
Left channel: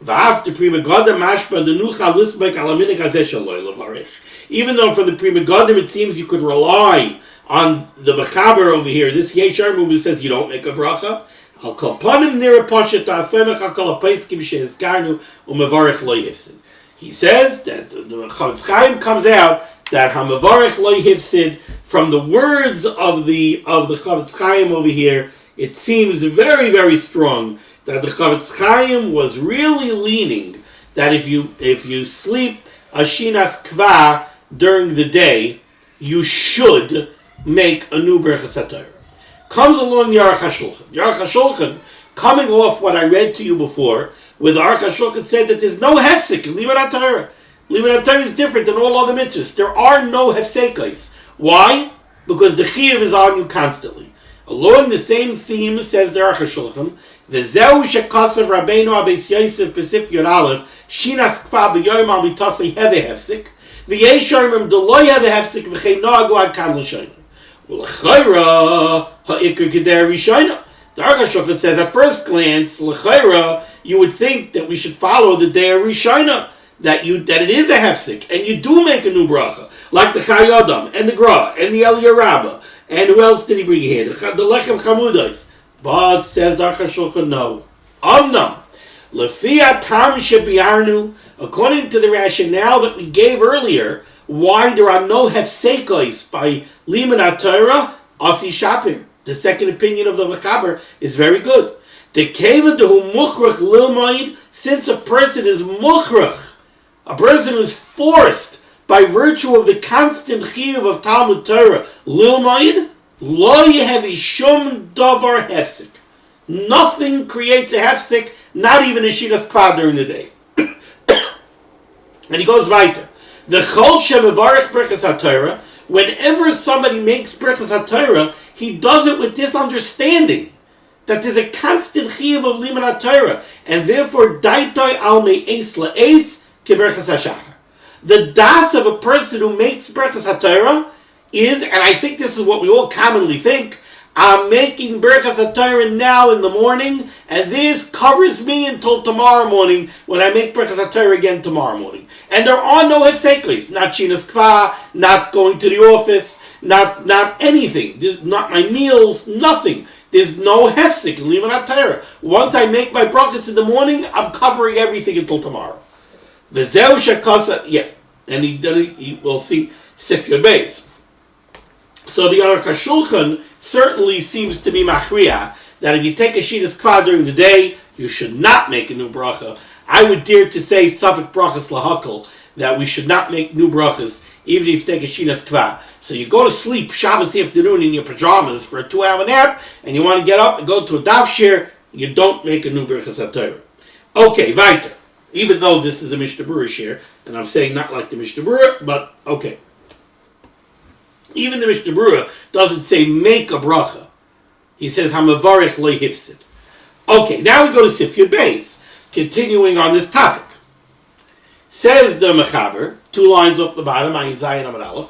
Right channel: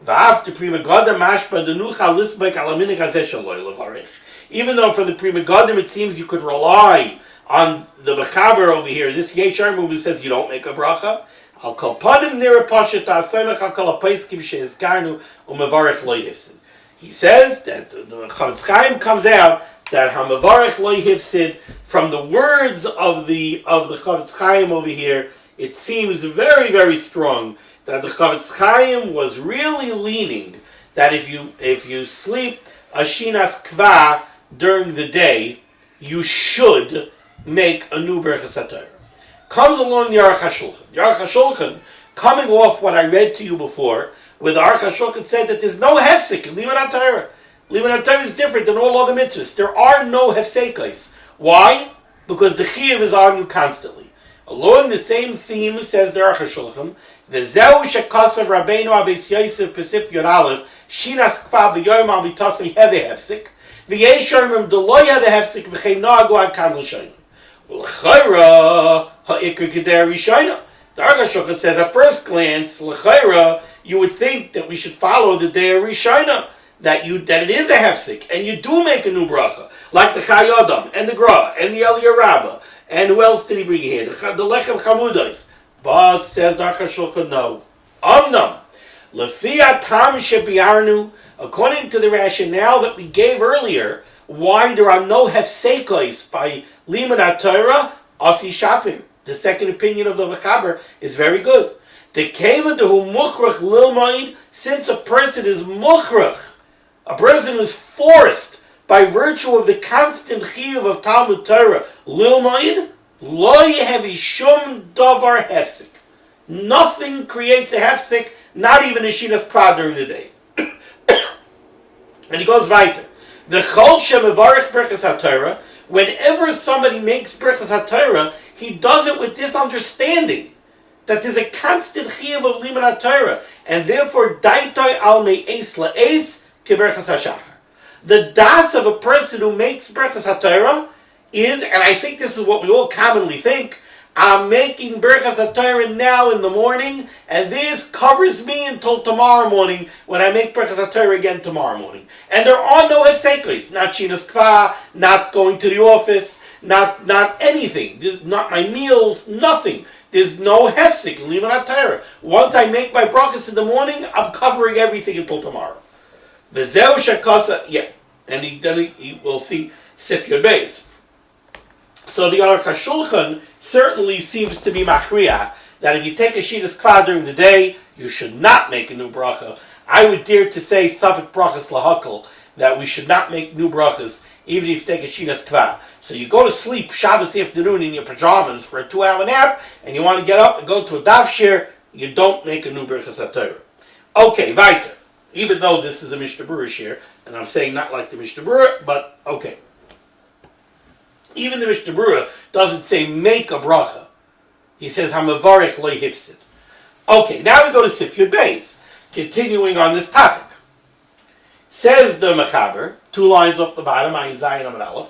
V'after Prima Gadim mashba the nucha lisbek alaminik hazeh shaloi levarich. Even though for the Prima Gadim it seems you could rely on the Mechaber over here, this yesh omrim who says you don't make a bracha, al kol panim nira pashat ha'asemech al kol ha'paiskim she'ezkarnu u'mevarech lo yifsid. He says that the Chavetz Chaim comes out that ha'mevarech lo yifsid from the words of the Chavetz Chaim over here. It seems very, very strong that the Chavetz Chaim was really leaning that if you sleep a shinas kva during the day, you should make a new birchos HaTorah. Comes along Aruch HaShulchan. Aruch HaShulchan, coming off what I read to you before, where the Aruch HaShulchan said that there's no hefsek in limud HaTorah. Limud HaTorah is different than all other mitzvahs. There are no hefsekos. Why? Because the chiyuv is on you constantly. Along the same theme, says the Aruch HaShulchan, V'zeu shekasav Rabbeinu Abeis Yosef b'Sif Yud Aleph, shinas kva b'yom al mitasei heve hefsek, v'yesh omrim d'lo heve hefsek v'chein noagu ad kan l'shonim. L'chayra ha'ikar kedei rishayna. The Aruch HaShulchan says, at first glance, l'chayra, you would think that we should follow the day of rishayna, that it is a hefsek, and you do make a new bracha, like the Chayodam, and the Gra, and the El Yerabba, and who else did he bring here? The Lechem Chamudais. But, says the Aruch HaShulchan, no. Omnam. Lefiat Tam Shebiarnu, according to the rationale that we gave earlier, why there are no hefsekos by limud HaTorah, Asi Shapir. The second opinion of the Mechaber is very good. The Keva Dehu Mukhrach Lilmoid, since a person is Mukhrach, a person is forced by virtue of the constant chiyuv of Talmud Torah, Lilmoid, Lo Yehevi Shum Davar Hefsek. Nothing creates a hefsek, not even a shinas kva during the day. And he goes weiter. The Chol Shemevarech birchos HaTorah, whenever somebody makes birchos HaTorah, he does it with this understanding that there's a constant chiyuv of limud HaTorah, and therefore daitoi al me'es la'es ki birchos HaShachar. The das of a person who makes birchos HaTorah is, and I think this is what we all commonly think, I'm making birchos HaTorah now in the morning, and this covers me until tomorrow morning when I make birchos HaTorah again tomorrow morning. And there are no hefsekos, not shinas kva, not going to the office, not anything. There's not my meals, nothing. There's no hefsek in limud HaTorah. Once I make my brachos in the morning, I'm covering everything until tomorrow. V'zeu shekasa, yeah, and he will see Sif Yud Beis. So the Aruch HaShulchan certainly seems to be machriya that if you take a shinas kva during the day, you should not make a new bracha. I would dare to say Safek brachos lahakol, that we should not make new brachos, even if you take a shinas kva. So you go to sleep Shabbos afternoon in your pajamas for a 2-hour nap, and you want to get up and go to a daf shir, you don't make a new birchos HaTorah. Okay, weiter. Even though this is a Mishnah Berurah shir, and I'm saying not like the Mishnah Berurah, but okay. Even the Mishnah Berurah doesn't say make a bracha. He says hamavarech lo hefsek. Okay, now we go to Sif Yud Beis. Continuing on this topic. Says the Mechaber, 2 lines off the bottom, Ayin Zayin Amud Aleph,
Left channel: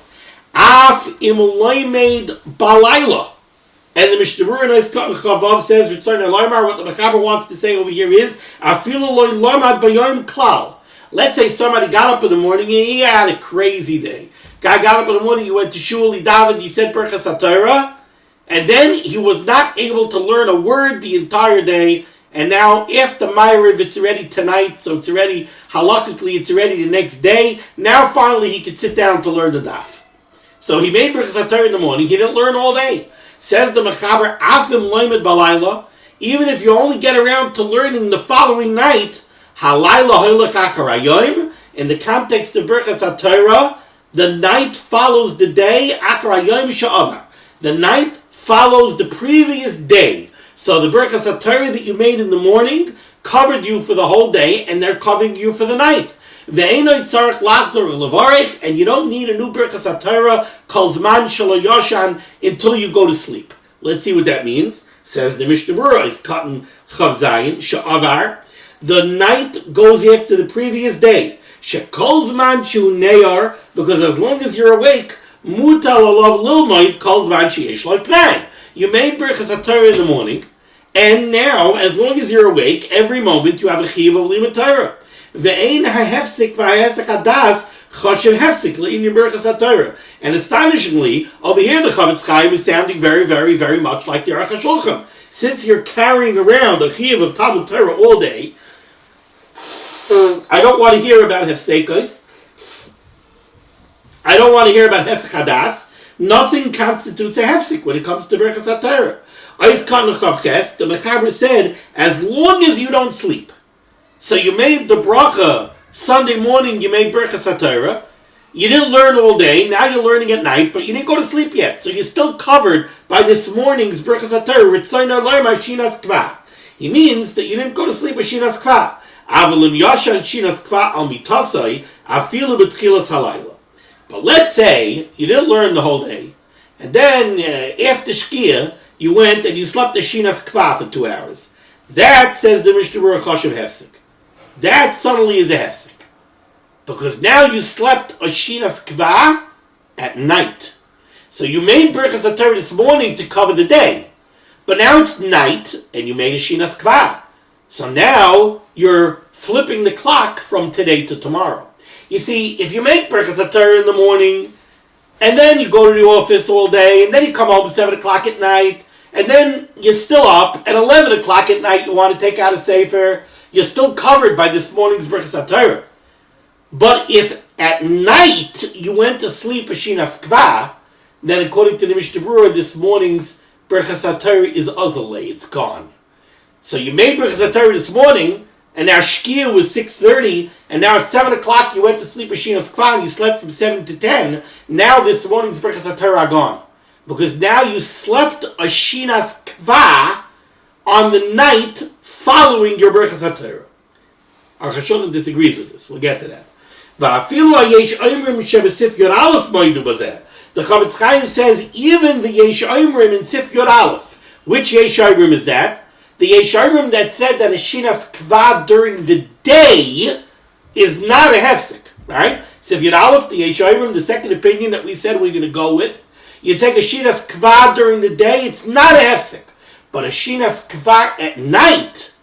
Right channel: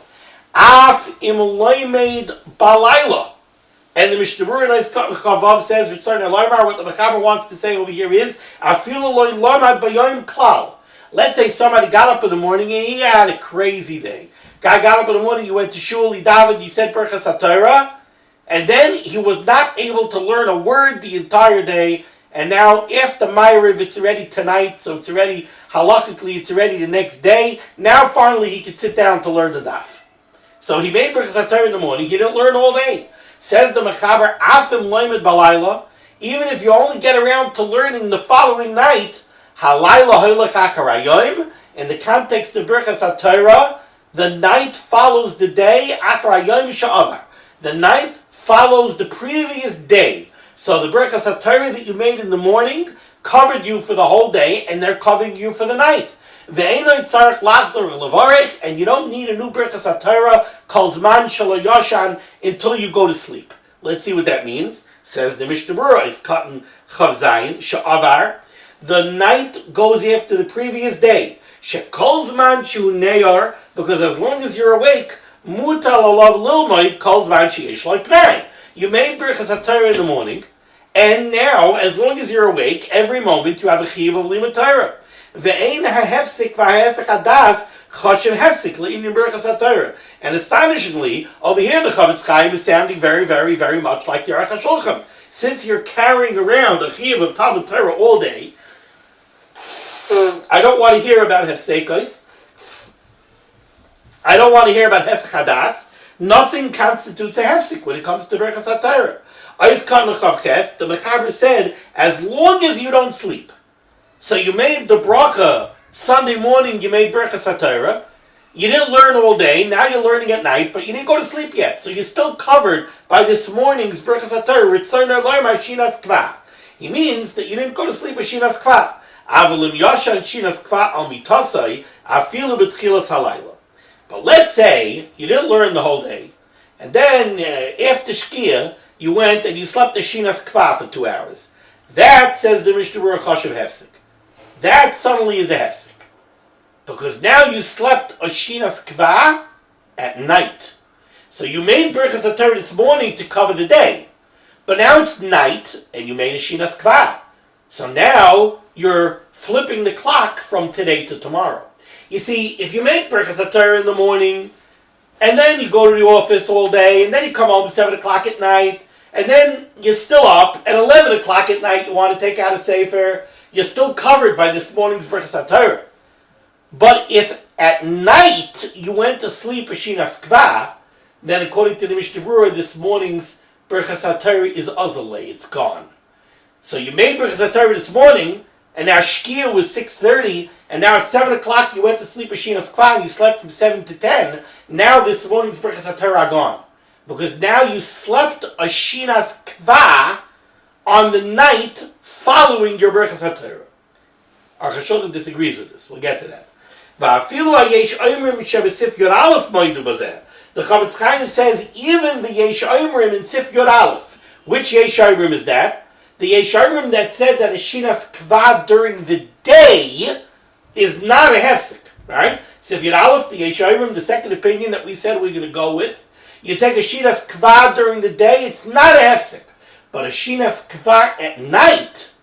Af im loimed balayla. And the Mishnah Berurah Nice Cut Chavav says, what the Mechaber wants to say over here is, Afilu loy lamad bayom klal. Let's say somebody got up in the morning and he had a crazy day. Guy got up in the morning, he went to shul, he davened, he said birchos HaTorah, and then he was not able to learn a word the entire day. And now, after Ma'ariv, it's already tonight, so it's already, halachically, it's already the next day. Now, finally, he could sit down to learn the daf. So he made birchos HaTorah in the morning. He didn't learn all day. Says the Mechaber, Afim loimed balayla, even if you only get around to learning the following night, halayla hoylech achar hayoim, in the context of birchos HaTorah, the night follows the day, achar hayoim she'avar. The night follows the previous day. So the birchos HaTorah that you made in the morning covered you for the whole day, and they're covering you for the night. And you don't need a new birchos HaTorah kol zman shelo yoshan until you go to sleep. Let's see what that means. Says the Mishnah Berurah is cutting chav zayin she'avar. The night goes after the previous day. Shekol zman shu neyar, because as long as you're awake, mutal alav lilmoid kol zman sheyesh lo pnei. You made birchos HaTorah in the morning, and now, as long as you're awake, every moment you have a chiyuv of limud Torah. Ve'ein ha'hefsek v'ha'hesek hadas choshev hefsek le'inyan birchos HaTorah. And astonishingly, over here the Chavetz Chaim is sounding very, very, very much like the Aruch HaShulchan. Since you're carrying around a chiyuv of Talmud Torah all day, I don't want to hear about hefsekos. I don't want to hear about hesek hadas. Nothing constitutes a hefsek when it comes to birchos HaTorah. The Mechaber said, as long as you don't sleep. So you made the bracha Sunday morning, you made birchos HaTorah. You didn't learn all day, now you're learning at night, but you didn't go to sleep yet. So you're still covered by this morning's birchos HaTorah. He means that you didn't go to sleep with shinas kva. Avalim yasha and shinas kva al mitasai afilu b'tchilas halayla. But let's say you didn't learn the whole day, and then after Shkia, you went and you slept a shinas kva for 2 hours. That, says the Mishnah Berurah, choshev hefsek. That suddenly is a hefsek. Because now you slept a shinas kva at night. So you made birchos HaTorah this morning to cover the day. But now it's night, and you made a shinas kva. So now you're flipping the clock from today to tomorrow. You see, if you make birchos HaTorah in the morning, and then you go to the office all day, and then you come home at 7 o'clock at night, and then you're still up, at 11 o'clock at night you want to take out a sefer, you're still covered by this morning's birchos HaTorah. But if at night you went to sleep a shinas kva, then according to the Mishnah Berurah, this morning's birchos HaTorah is azalei, it's gone. So you made birchos HaTorah this morning, and now Shkia was 6:30, and now at 7 o'clock you went to sleep a shinas kva, and you slept from 7 to 10. Now this morning's birchos HaTorah are gone. Because now you slept a shinas kva on the night following your birchos HaTorah. Our Chashon disagrees with this. We'll get to that. The Chavetz Chaim says even the Yesh Omrim in Sif Yod Aleph. Which Yesh Omrim is that? The Yesh Omrim that said that a shinas kva during the day is not a hefsek. Right? Sif Yod Aleph, the Yesh Omrim, the second opinion that we said we're going to go with. You take a shinas kva during the day, it's not a hefsek. But a shinas kva at night,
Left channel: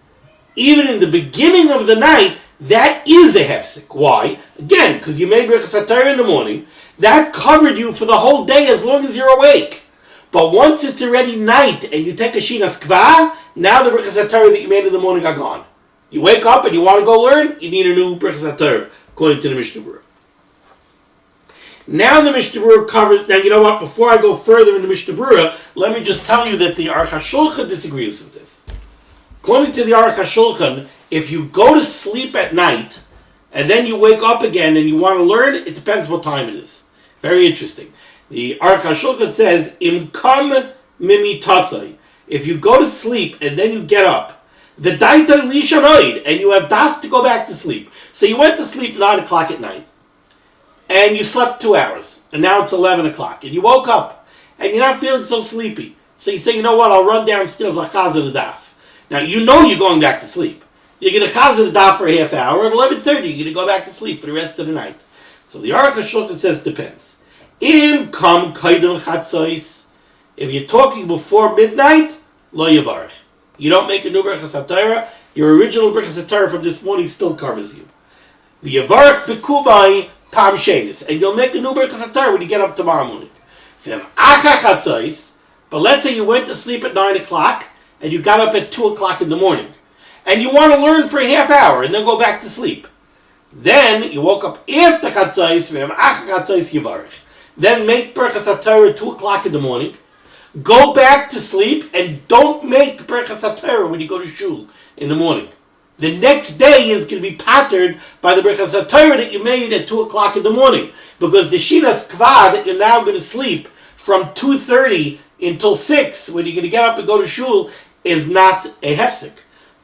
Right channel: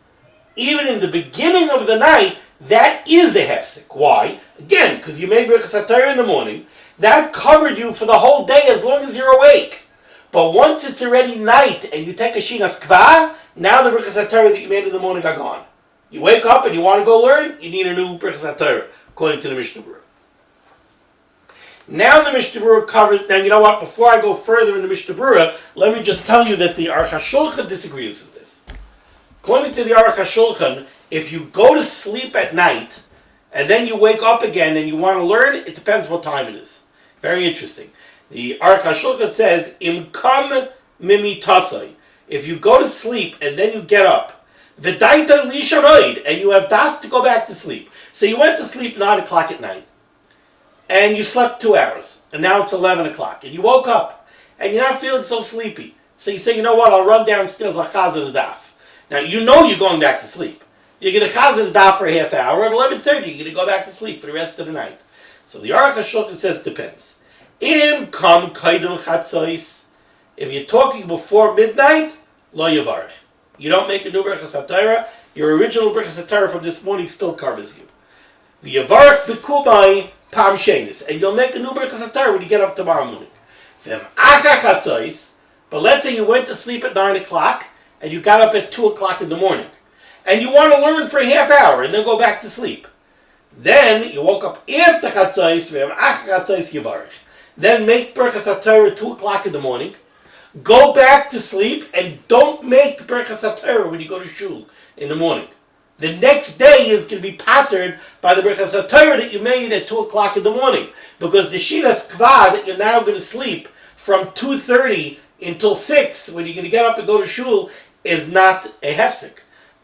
even in the beginning of the night, that is a hefsek. Why? Again, because you made birchos HaTorah in the morning. That covered you for the whole day as long as you're awake. But once it's already night and you take a shinas kva, now the birchos HaTorah that you made in the morning are gone. You wake up and you want to go learn, you need a new birchos HaTorah, according to the Mishnah Berurah. Now the Mishnah Berurah covers. Now you know what? Before I go further in the Mishnah Berurah, let me just tell you that the Aruch HaShulchan disagrees with this. According to the Aruch HaShulchan, if you go to sleep at night and then you wake up again and you want to learn, it depends what time it is. Very interesting. The Aruch HaShulchan says, Im kam mimitasai. If you go to sleep and then you get up, v'daita lishanoid, and you have das to go back to sleep. So you went to sleep 9 o'clock at night, and you slept 2 hours, and now it's 11 o'clock, and you woke up, and you're not feeling so sleepy. So you say, you know what, I'll run downstairs like chazan the daf. Now, you know you're going back to sleep. You're going to chazan the daf for a half hour. At 11:30, you're going to go back to sleep for the rest of the night. So the Aruch HaShulchan says, depends. Im kam kaidul chatzos. If you're talking before midnight, lo yavarech. You don't make a new birchos HaTorah. Your original birchos HaTorah from this morning still covers you. The yavarech b'kubai pam shenis. And you'll make a new birchos HaTorah when you get up tomorrow morning. V'em achar chatzos. But let's say you went to sleep at 9 o'clock, and you got up at 2 o'clock in the morning, and you want to learn for a half hour and then go back to sleep. Then you woke up after chatzos, then make birchos HaTorah 2 o'clock in the morning, go back to sleep, and don't make birchos HaTorah when you go to shul in the morning. The next day is going to be patterned by the birchos HaTorah that you made at 2 o'clock in the morning, because the shinas kvad that you're now going to sleep from 2:30 until 6, when you're going to get up and go to shul, is not a hefsek,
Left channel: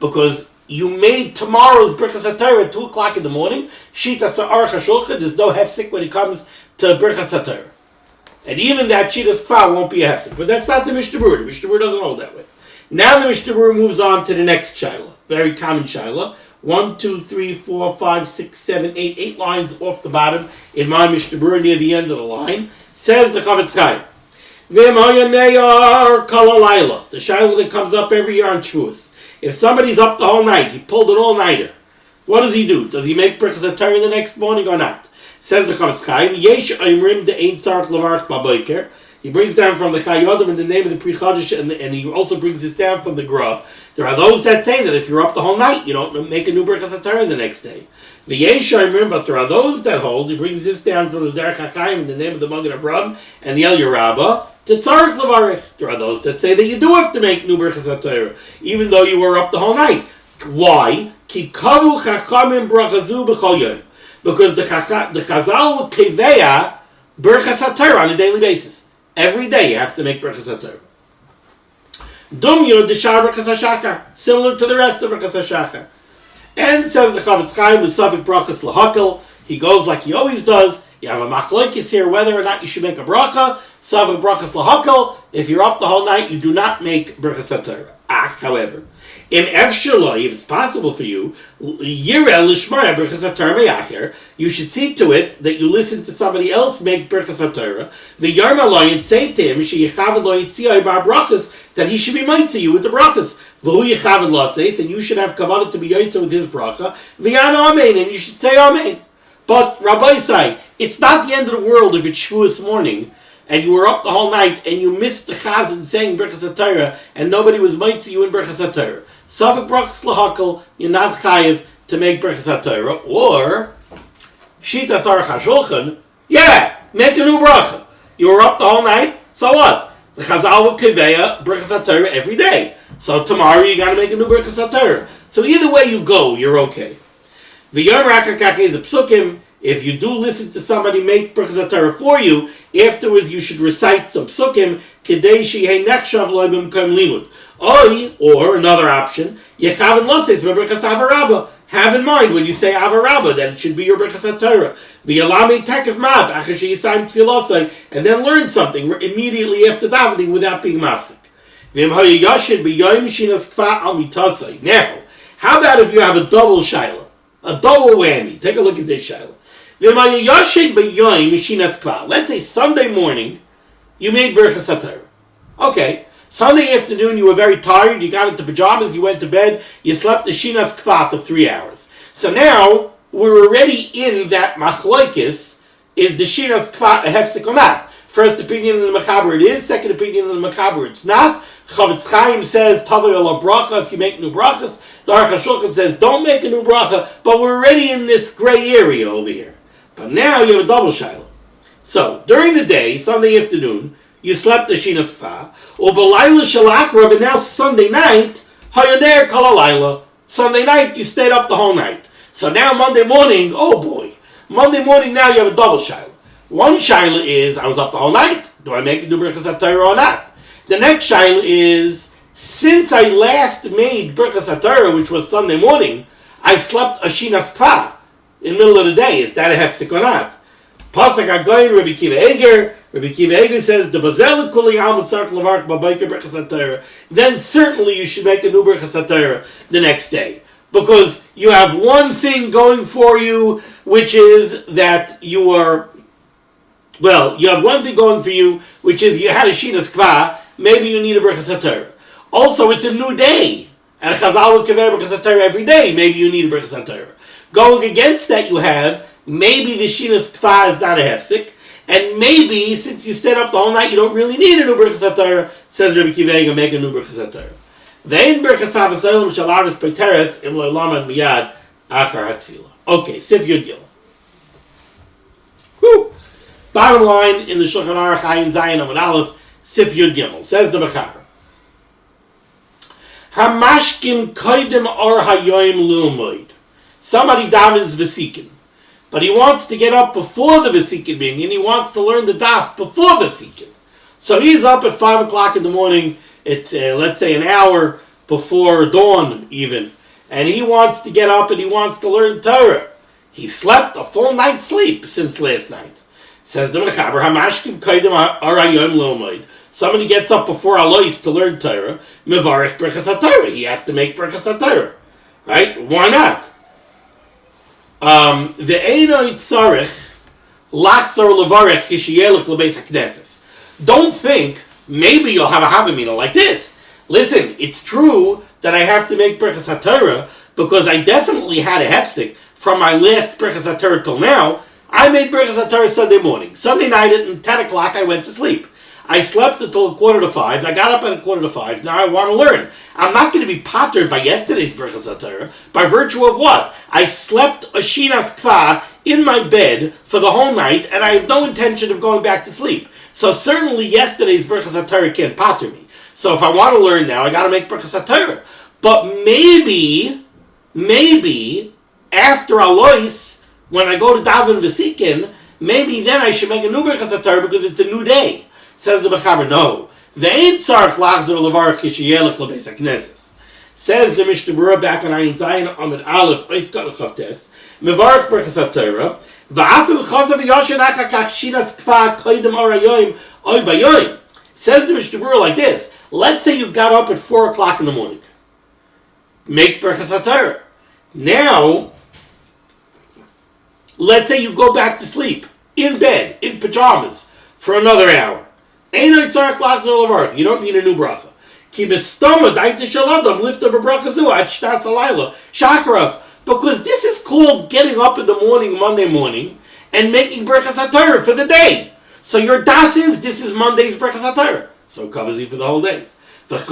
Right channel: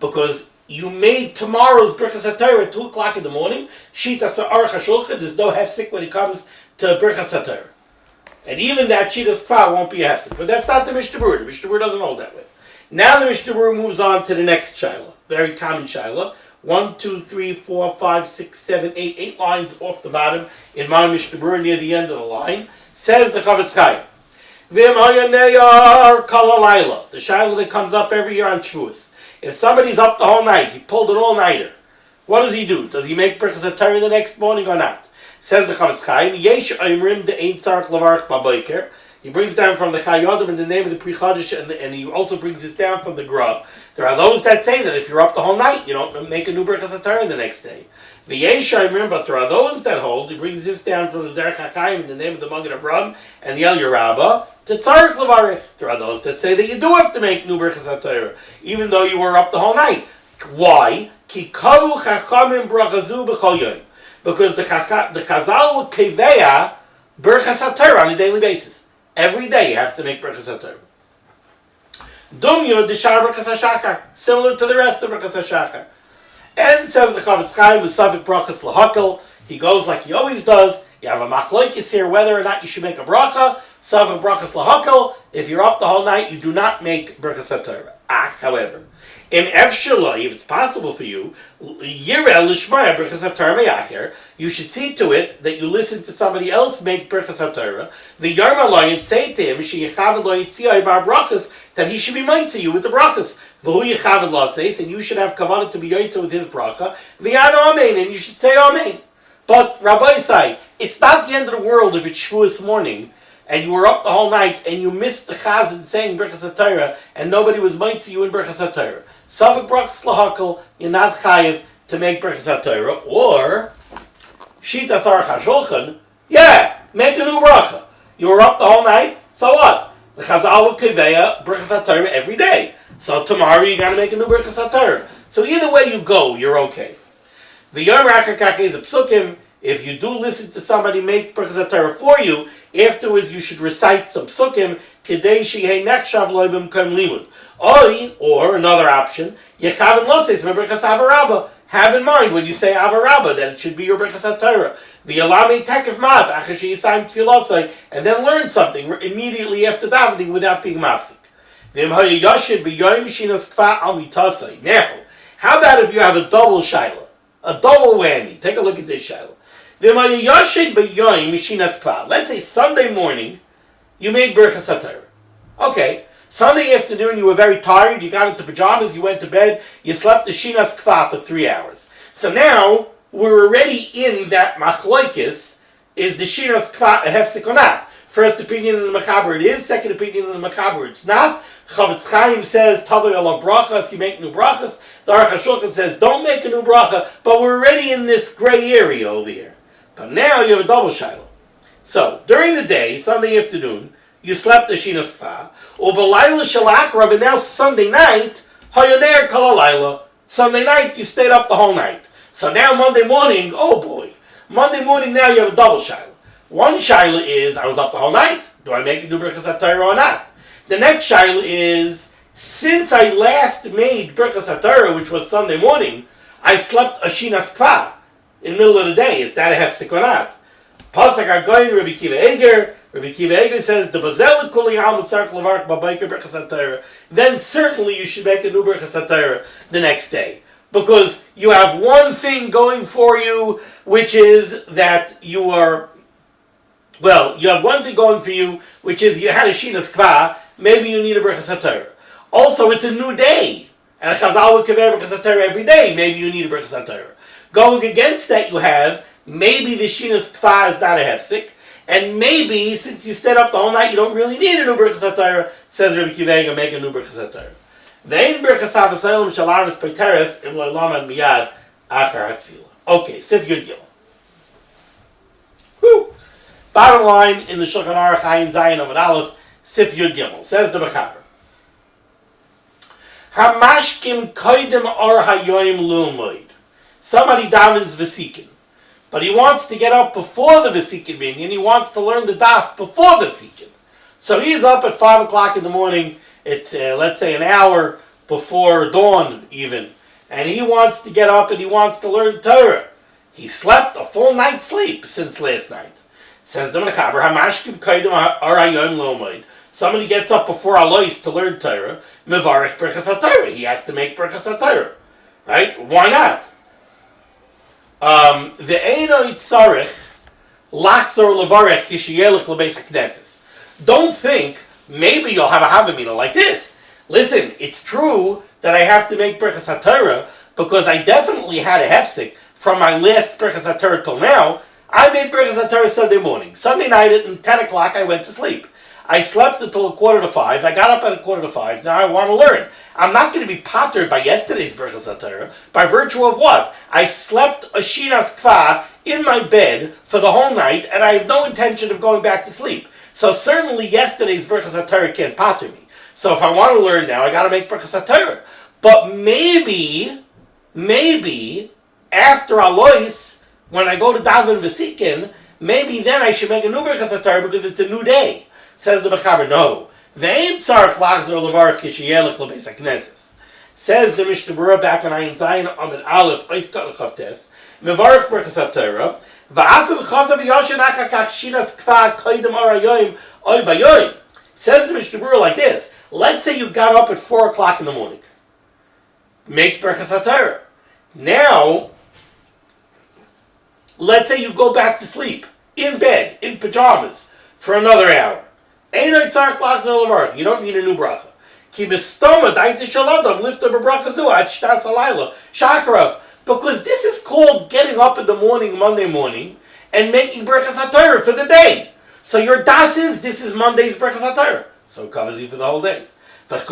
because you made tomorrow's birchos HaTorah at 2 o'clock in the morning. Shitas Aruch HaShulchan, there's no hefsek when it comes to birchos HaTorah. And even that shitas kfa won't be a hefsek. But that's not the Mishnah Berurah. The Mishnah Berurah doesn't hold that way. Now the Mishnah Berurah moves on to the next shaila. Very common shaila. 1, 2, 3, 4, 5, 6, 7, 8. 8 lines off the bottom in my Mishnah Berurah near the end of the line. Says the Chavetz Chaim. The shaila that comes up every year on Shavuos. If somebody's up the whole night, he pulled an all-nighter, what does he do? Does he make birchos HaTorah the next morning or not? Says the Chavetz Chaim, Yesh Oimrim de'ein tzarich levarach b'boker. He brings down from the Chayodim in the name of the Pri Chodesh, and he also brings this down from the Gra. There are those that say that if you're up the whole night, you don't make a new birchos HaTorah the next day. The Yesh Oimrim, but there are those that hold, he brings this down from the Derech HaChaim in the name of the Magen Avraham and the El Yerabah, the tzarich levarich. There are those that say that you do have to make new birchos HaTorah, even though you were up the whole night. Why? Ki kavu chachamim brachazu b'chol yom. Because the Chazal will keveya birchos HaTorah on a daily basis. Every day you have to make birchos HaTorah. Dumyo d'shar birchos hashachar, similar to the rest of birchos hashachar. And says the Chavetz Chaim, Musafik brachos lahakel. He goes like he always does. You have a machlokes here whether or not you should make a bracha. Savik brachos lahakel. If you're up the whole night, you do not make birchos HaTorah. However, if it's possible for you, you should see to it that you listen to somebody else make birchos HaTorah. The Yarmalay and say to him, that he should be mitzvah you with the brachos. And you should have kavanah to be yaitza with his bracha. And you should say amen. But Rabbi say, it's not the end of the world if it's Shavuos morning and you were up the whole night and you missed the chazan saying birchos HaTorah and nobody was mitzvah you in birchos HaTorah. Savik brachos lahakel, you're not chayiv to make birchos HaTorah. Or shitas Aruch HaShulchan, make a new bracha. You were up the whole night, so what? The Chazal will keveya birchos HaTorah every day. So tomorrow you got to make a new birchos HaTorah. So either way you go, you're okay. The Yom Rakakach is a psukim. If you do listen to somebody make birchos HaTorah for you, afterwards you should recite some psukim kedei sheyeh nechshav lo b'mkom limud. Or another option, yechaven loses b'birchos avarabba. Have in mind when you say avarabba that it should be your birchos HaTorah. V'yalami tekef mat achar sheyisayim tefilosai, and then learn something immediately after davening without being mafsik. V'im hayayashid b'yoyim shinas kfa al mitasai. Now, how about if you have a double shaila? A double whammy. Take a look at this shaila. Let's say Sunday morning, you made birchos HaTorah. Okay, Sunday afternoon you were very tired, you got into pajamas, you went to bed, you slept the shinas kfa for 3 hours. So now, we're already in that machlokes, is the shinas kfa a hefsek or not? First opinion in the Mechaber it is, second opinion in the Mechaber it's not. Chavetz Chaim says, Tavei ala bracha if you make new brachas. The Aruch HaShulchan says, don't make a new bracha, but we're already in this gray area over here. But now you have a double shiloh. So, during the day, Sunday afternoon, you slept the shinas kfa, or b'layla shalachrav, and now Sunday night, hayaner kol halayla. Sunday night, you stayed up the whole night. So now Monday morning, oh boy. Monday morning now you have a double shaila. One shaila is, I was up the whole night. Do I make a new birchos HaTorah or not? The next shaila is, since I last made birchos HaTorah, which was Sunday morning, I slept a shinas kva in the middle of the day. Is that a hefsek or not? Pasuk Agayin, Rabbi Kiva Eger. Rabbi Kiva Eger says, "The bazel kuli almut tzarich levarach b'bayker birchos HaTorah." Then certainly you should make a new birchos HaTorah the next day, because you have one thing going for you, which is that you are. Well, you have one thing going for you, which is you had a shinas kva. Maybe you need a birchos HaTorah. Also, it's a new day, and Chazal will kaver birchos HaTorah every day. Maybe you need a birchos HaTorah. Going against that, you have maybe the shinas kva is not a hefsek, and maybe since you stayed up the whole night, you don't really need a new birchos HaTorah. Says Rabbi Kiva Eger, make a new birchos HaTorah. Vein birchos HaTorah shalaris peiteres im lo'laman miyad achar hatfila. Okay, Sif Yud Gil. Bottom line in the Shulchan Aruch Ayin Zayin Amud Aleph, Sif Yud Gimel, says the Mechaber. Hamashkim koidem or hayoim limud. Somebody davens vesikin, but he wants to get up before the vesikin being, and he wants to learn the daf before vesikin. So he's up at 5 o'clock in the morning. It's let's say an hour before dawn even, and he wants to get up and he wants to learn Torah. He slept a full night's sleep since last night. Says the Mechaber, Hamashkim koidem or hayoim limud. Somebody gets up before Alois to learn Torah, mevarich birchos HaTorah. He has to make birchos HaTorah, right? Why not? Ve'enoi tzarich lachzor levarich kishiyelech lebeis hakneses. Don't think maybe you'll have a havamina like this. Listen, it's true that I have to make birchos HaTorah because I definitely had a hefsek from my last birchos HaTorah till now. I made birchos HaTorah Sunday morning. Sunday night at 10 o'clock I went to sleep. I slept until 4:45. I got up at 4:45. Now I want to learn. I'm not going to be pottered by yesterday's birchos HaTorah. By virtue of what? I slept a shinas kva in my bed for the whole night, and I have no intention of going back to sleep. So certainly yesterday's birchos HaTorah can't potter me. So if I want to learn now, I got to make birchos HaTorah. But maybe after Alois, when I go to daven v'sikin, maybe then I should make a new birchos HaTorah because it's a new day. Says the Mechaber, no. Ve'en tzarich lachzor levarich kishiyelech lebeis hakneses. Says the Mishnah Berurah back on Ayin Zayin Amud Aleph Ois Kat Chavtes mevarich birchos HaTorah va'afil chazav yashin akakach shinas kva koidem or hayoim oy bayoim. Says the Mishnah Berurah like this. Let's say you got up at 4 o'clock in the morning. Make birchos HaTorah. Now, let's say you go back to sleep in bed, in pajamas, for another hour. You don't need a new bracha. Because this is called getting up in the morning, Monday morning, and making birchos HaTorah for the day. So your das is, this is Monday's birchos HaTorah. So it covers you for the whole day. But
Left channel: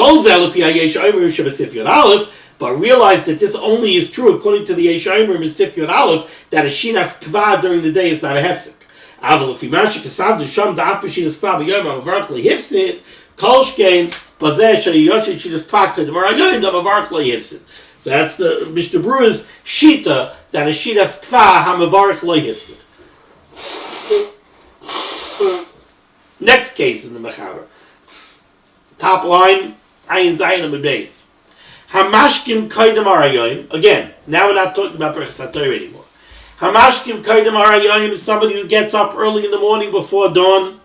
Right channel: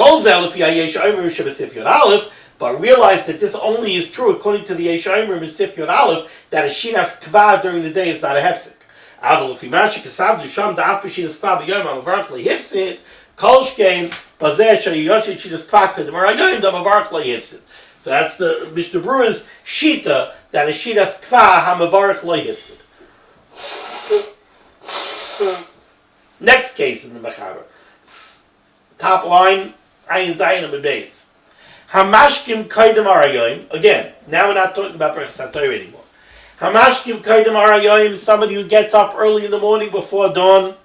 realize that this only is true according to the Yeshayim in Sif Yod Aleph, that a shinas kva during the day is not a hefsek. So that's the Mishnah Berurah's shita, that a shinas kva hamavarach lo yifsid. Next case in the Mechaber. Top line, Ayin Zayin Amud Beis. Hamashkim kaidem arayoim. Again, now we're not talking about birchos HaTorah anymore. Hamashkim kaidem arayoim, somebody who gets up early in the morning before dawn.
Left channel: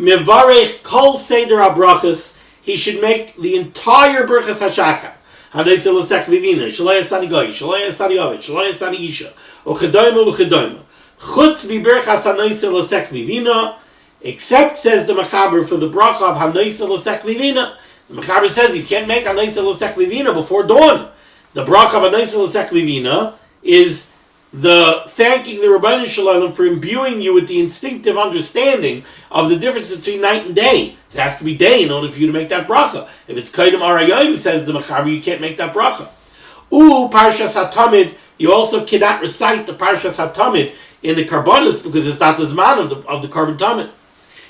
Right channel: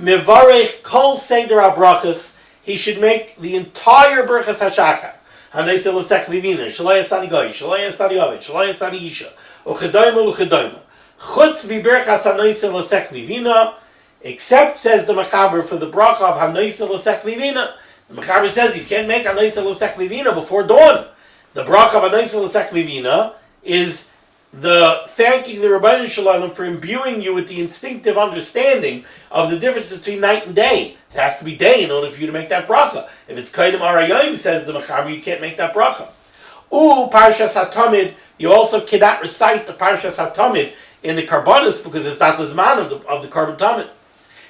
Mevarech kol seder berachos. He should make the entire birchos hashachar. Hanayse l'sek vivina, shalai asani goy, shalai asani ovid, shalai asani isha, uchedoyma uchedoyma. Chutz birchos hanayse l'sek vivina, except, says the Mechaber, for the bracha of hanayse l'sek vivina. The Mechaber says you can't make hanayse l'sek vivina before dawn. The bracha of hanayse l'sek vivina is the thanking the Rabbeinu Shalom for imbuing you with the instinctive understanding of the difference between night and day. It has to be day in order for you to make that bracha. If it's kaidem arayim, says the Mechaber, you can't make that bracha. Parshas HaTamid, you also cannot recite the Parshas HaTamid in the Karbonos because it's not the Zman of the Karban Tamid.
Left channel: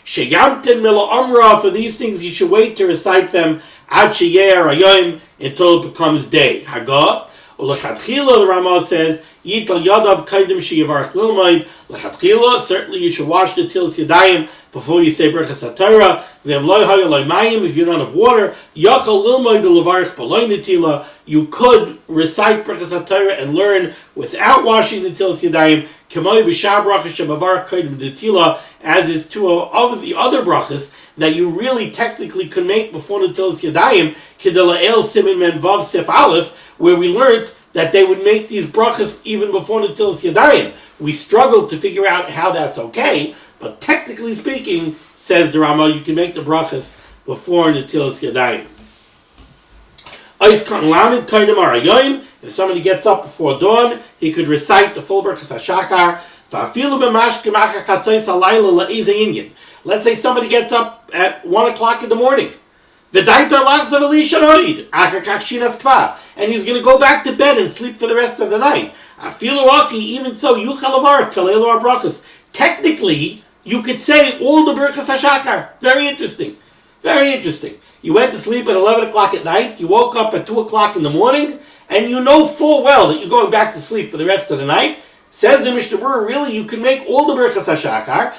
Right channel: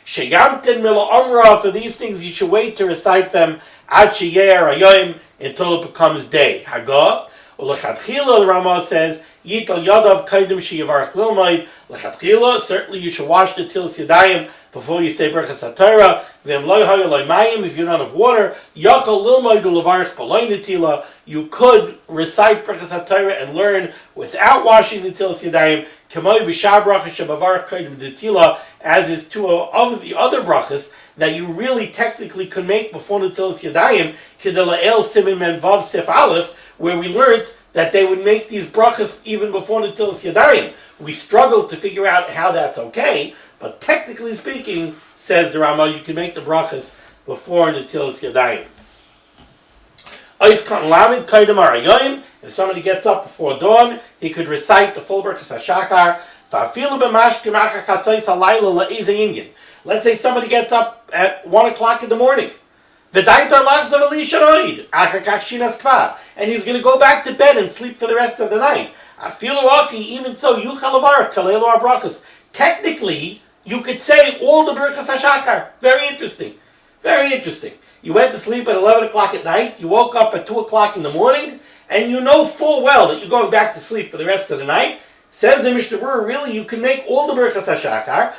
Sheyamtin mila omra, for these things you should wait to recite them ad sheyeh arayim until it becomes day. Hagah, u'lechatchila, the Ramah says, Yital Yadav Kaidim Shiyavarach Lilmaid, Lechatchila, certainly you should wash the Tilas Yadayim before you say birchos HaTorah. If you don't have water, Yachal Lilmaid Levarach B'loy Netila, you could recite birchos HaTorah and learn without washing the Tilas Yadayim, K'may B'shar Brachos Shemavarach Kaidim Netila, as is two of the other brachos that you really technically could make before the Tilas Yadayim, Kedela El Siman Men Vav Sif Aleph, where we learned that they would make these brachos even before the Tilas Yadayim. We struggled to figure out how that's okay, but technically speaking, says the Rama, you can make the brachos before the Tilas Yadayim. If somebody gets up before dawn, he could recite the full birchos HaShachar. Let's say somebody gets up at 1 o'clock in the morning. And he's going to go back to bed and sleep for the rest of the night. Even so, technically, you could say all the birchos HaShachar. Very interesting. Very interesting. You went to sleep at 11 o'clock at night, you woke up at 2 o'clock in the morning, and you know full well that you're going back to sleep for the rest of the night. Says the Mishnah Berurah, really, you can make all the birchos HaShachar,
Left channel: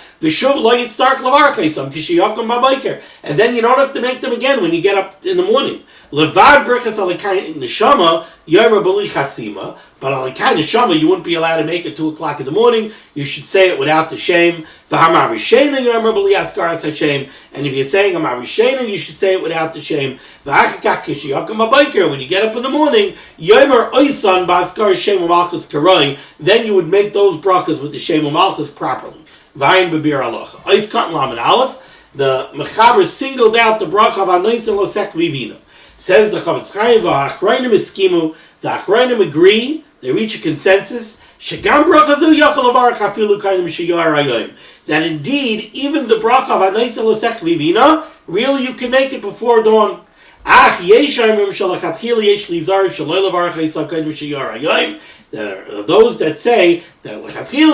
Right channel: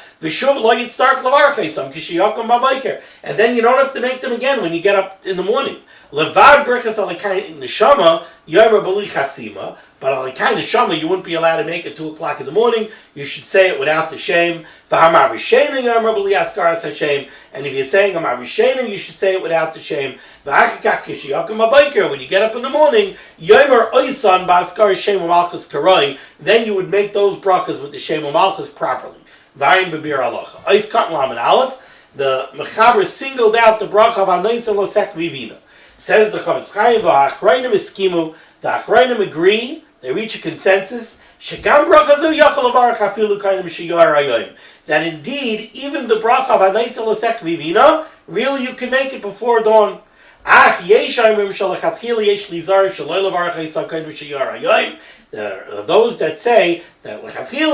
and then you don't have to make them again when you get up in the morning. Levad birchos alikai neshama yomer b'li chasima, but alikai neshama you wouldn't be allowed to make it 2 o'clock in the morning. You should say it without the shame. V'hamar rishena yomer b'li askaras hashem, and if you're saying hamar rishena, you should say it without the shame. V'achakach kishiyakam habayker, when you get up in the morning, yomer oisan b'askaras shem u'malchus karoi, then you would make those brachos with the shem u'malchus properly. V'ayin b'bir halacha. Ois katan lamed aleph, the mechaber singled out the bracha of anoisim l'sek vivina. Says the Chavetz Chaim, v'ha'achronim eskimu, the achronim agree, they reach a consensus, shegam brachazu yachal avarach afilu kainim sheyar hayom, that indeed, even the bracha of anoisim l'sek vivina, really you can make it before dawn. Ach yeshayim shalachatchila yesh lizar shaloi levarach ha'isal kainim sheyar hayom. There are those that say that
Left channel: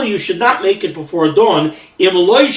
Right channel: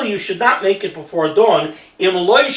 you should not make it before dawn, unless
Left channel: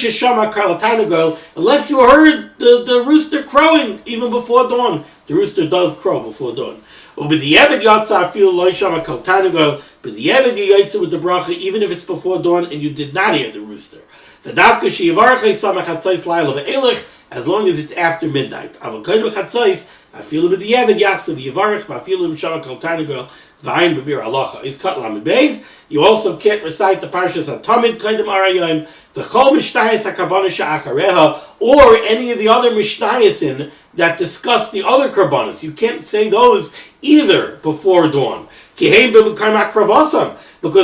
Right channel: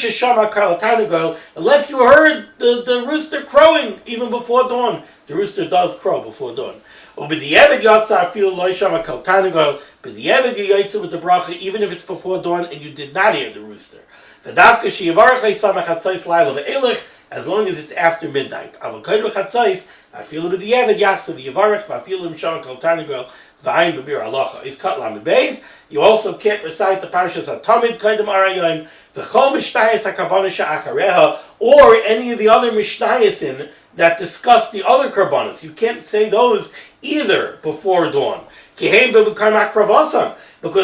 you heard the rooster crowing even before dawn. The rooster does crow before dawn. But the Eved Yatsa feel Loishama Kaltanigal, but the Eved Yatsa with the bracha, even if it's before dawn and you did not hear the rooster. The Dafka Shivarcha Sama Chatzais Laila Ve'elech, as long as it's after midnight. Avokaido Chatzais, I feel with the Eved Yatsa V'Yavarach, I feel him Shama Kaltanigal, V'ayin B'bir Halacha. Is cut Lamed Beis. You also can't recite the parashas HaTamid Kaidem Arayim, V'chol Mishnayos HaKarbanos She'achareha, or any of the other Mishnayosin that discuss the other karbanos. You can't say those either before dawn. Because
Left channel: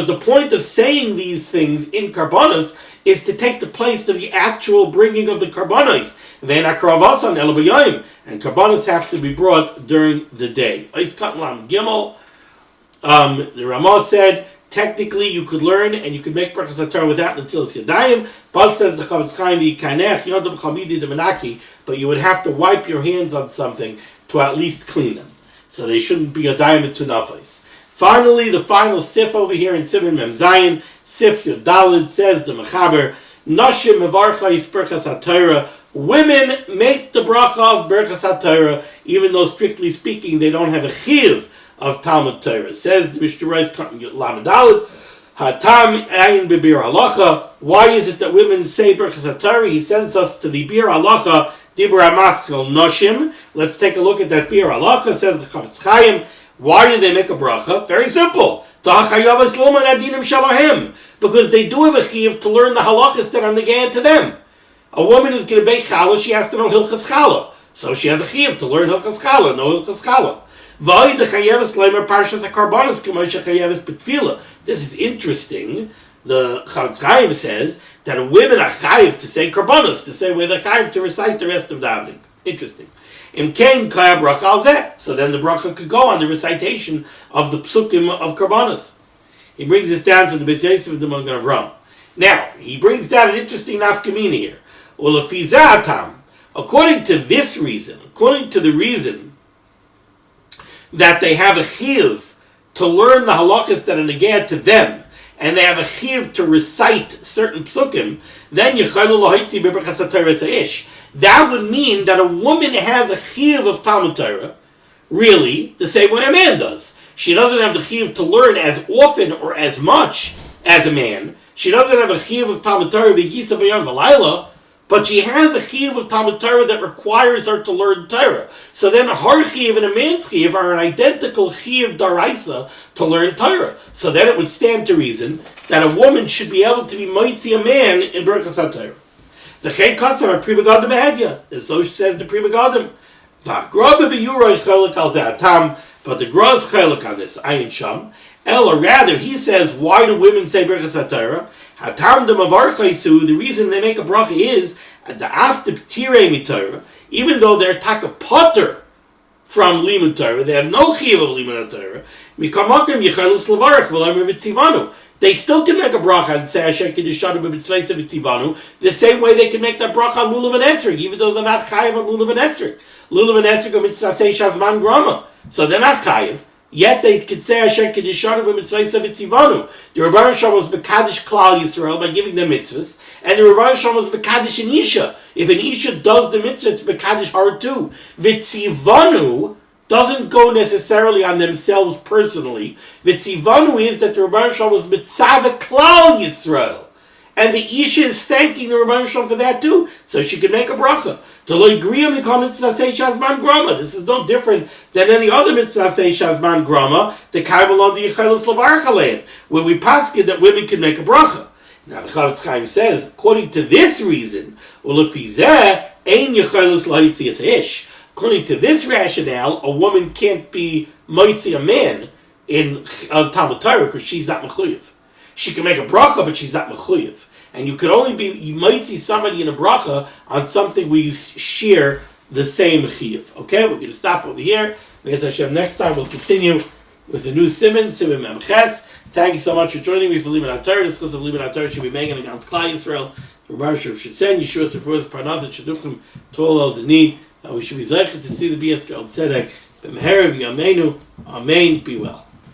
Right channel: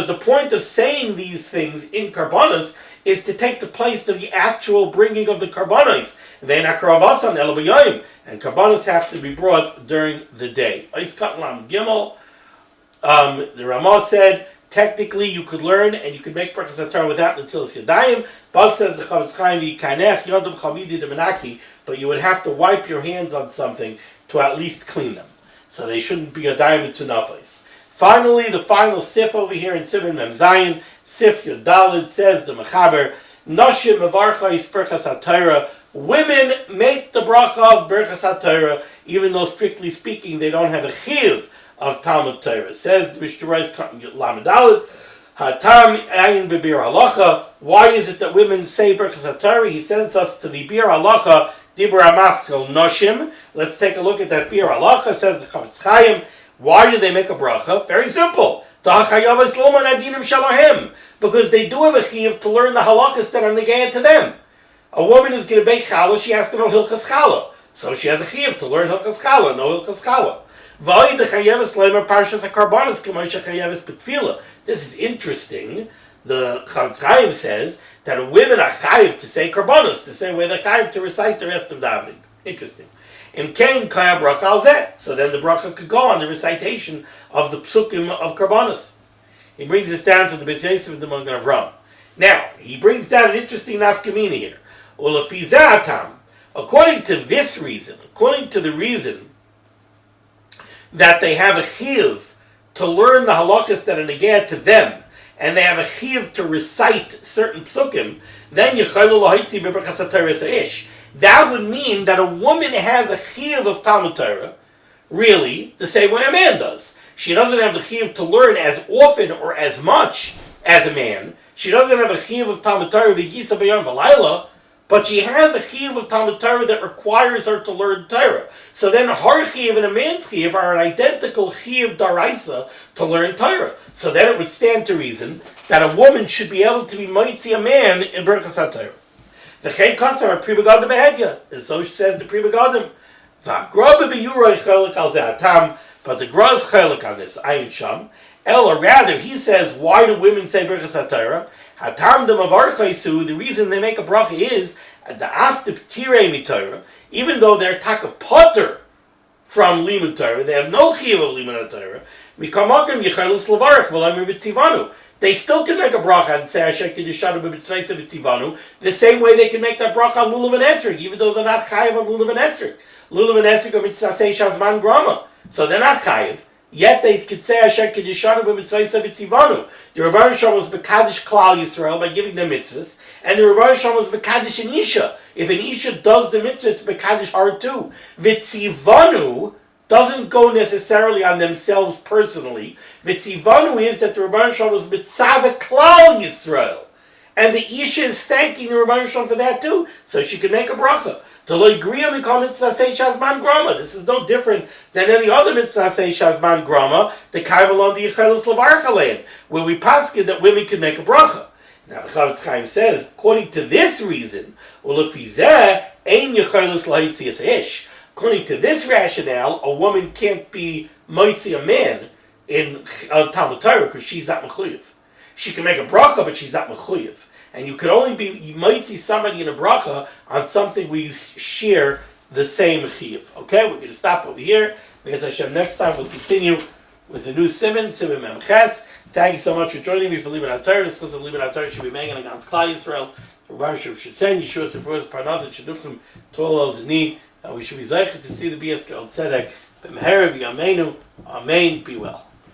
the point of saying these things in karbanos is to take the place of the actual bringing of the karbanos. And karbanos have to be brought during the day. The Ramah said, technically you could learn and you could make birchos HaTorah without Netilas Yadayim, but says the Chavetz Chaim, but you would have to wipe your hands on something to at least clean them. So they shouldn't be Yadayim to nafos. Finally, the final sif over here in Siman Mem Zayin, sif Yodalid, says the Mechaber, Noshim mevarchais birchos HaTorah, women make the bracha of birchos HaTorah, even though strictly speaking they don't have a chiyuv of Talmud Torah. Says the Mishnah Berurah lamed aleph, hatam ayin b'bir halacha. Why is it that women say birchos HaTorah? He sends us to the bir halacha, dibur hamaskil noshim. Let's take a look at that bir halacha. Says the Chavetz Chaim. Why do they make a bracha? Very simple. Because they do have a chiyuv to learn the halachas that are negayah to them. A woman is going to bake challah, she has to know hilchas challah. So she has a chiyuv to learn hilchas challah, know hilchas challah. This is interesting. The Chavetz Chaim says that women are chayiv to say karbanos, to say where they're chayiv to recite the rest of davening. Interesting. So then the bracha could go on the recitation of the psukim of karbanos. He brings this down to the Beis Yosef of the Magen Avraham. Now, he brings down an interesting nafkamina here. According to this reason, according to the reason that they have a chiyuv to learn the halachas that are negayah to them, and they have a chiyuv to recite certain psukim, then yichaylu lahaitzi birchos HaTorah sa'ish. That would mean that a woman has a chiyuv of Talmud Torah, really, the same way a man does. She doesn't have the chiyuv to learn as often or as much as a man. She doesn't have a chiyuv of Talmud Torah v'gisa b'yom v'layla, but she has a chiyuv of Talmud Torah that requires her to learn Torah. So then her chiyuv and a man's chiyuv are an identical chiyuv daraisa to learn Torah. So then it would stand to reason that a woman should be able to be mitzi a man in birchos HaTorah. The chay kasam a pri begadim behegya, as so says the pri begadim. V'agra b'biyurah chelek al ze'atam, but the gra is chelek on this, ayin sham. Or rather, he says, why do women say birchos HaTorah? Hatam de mavarchaisu, the reason they make a bracha is the after tirei miTorah, even though they're taka potter from limud Torah, they have no chiyuv of limud Torah. Mikamakim yechalus levarach v'lemer v'tzivanu. They still can make a bracha and say Asher Kiddishanu b'mitzvayse v'tzivanu the same way they can make that bracha on lulav and esrog, even though they're not chayiv on lulav and esrog. Lulav and esrog are mitzvasei shazman grama, so they're not chayiv. Yet they could say Asher Kiddishanu b'mitzvayse v'tzivanu. The Rebbeinu Shalom was b'kadish Klal Yisrael by giving them mitzvahs, and the Rebbeinu Shalom was b'kadish an isha. If an isha does the mitzvah, it's b'kadish her too. V'tzivanu doesn't go necessarily on themselves personally. V'tzivanu is that the Rebbeinu Shalom was mitzvah Klal Yisrael, and the isha is thanking the Rebbeinu Shalom for that too, so she can make a bracha. To learn Griya Mikam Mitzvah Sei Shazman Grama. This is no different than any other Mitzvah Sei Shazman Grama, the Kaibal on the Yechelus Lavarach Alein, where we paskin that women can make a bracha. Now the Chavetz Chaim says, according to this reason, Ulefizeh Ein Yechelus Lahitzias Ish. According to this rationale, a woman can't be mitzi a man in Talmud Torah because she's not mechuyev. She can make a bracha, but she's not mechuyev. And you could only be, you might see somebody in a bracha on something where you share the same chiyuv. Okay, we're going to stop over here. Be'ez Hashem, next time we'll continue with the new Siman Memches. Thank you so much for joining me for limud HaTorah. This course of limud HaTorah should be making against Klal Yisrael. The Baruch should send Yeshua Sefer Parnas and Shadufim to all those in need. We should be zeicher to see the BS Tzedek. B'meherev Yameinu. Amen. Be well.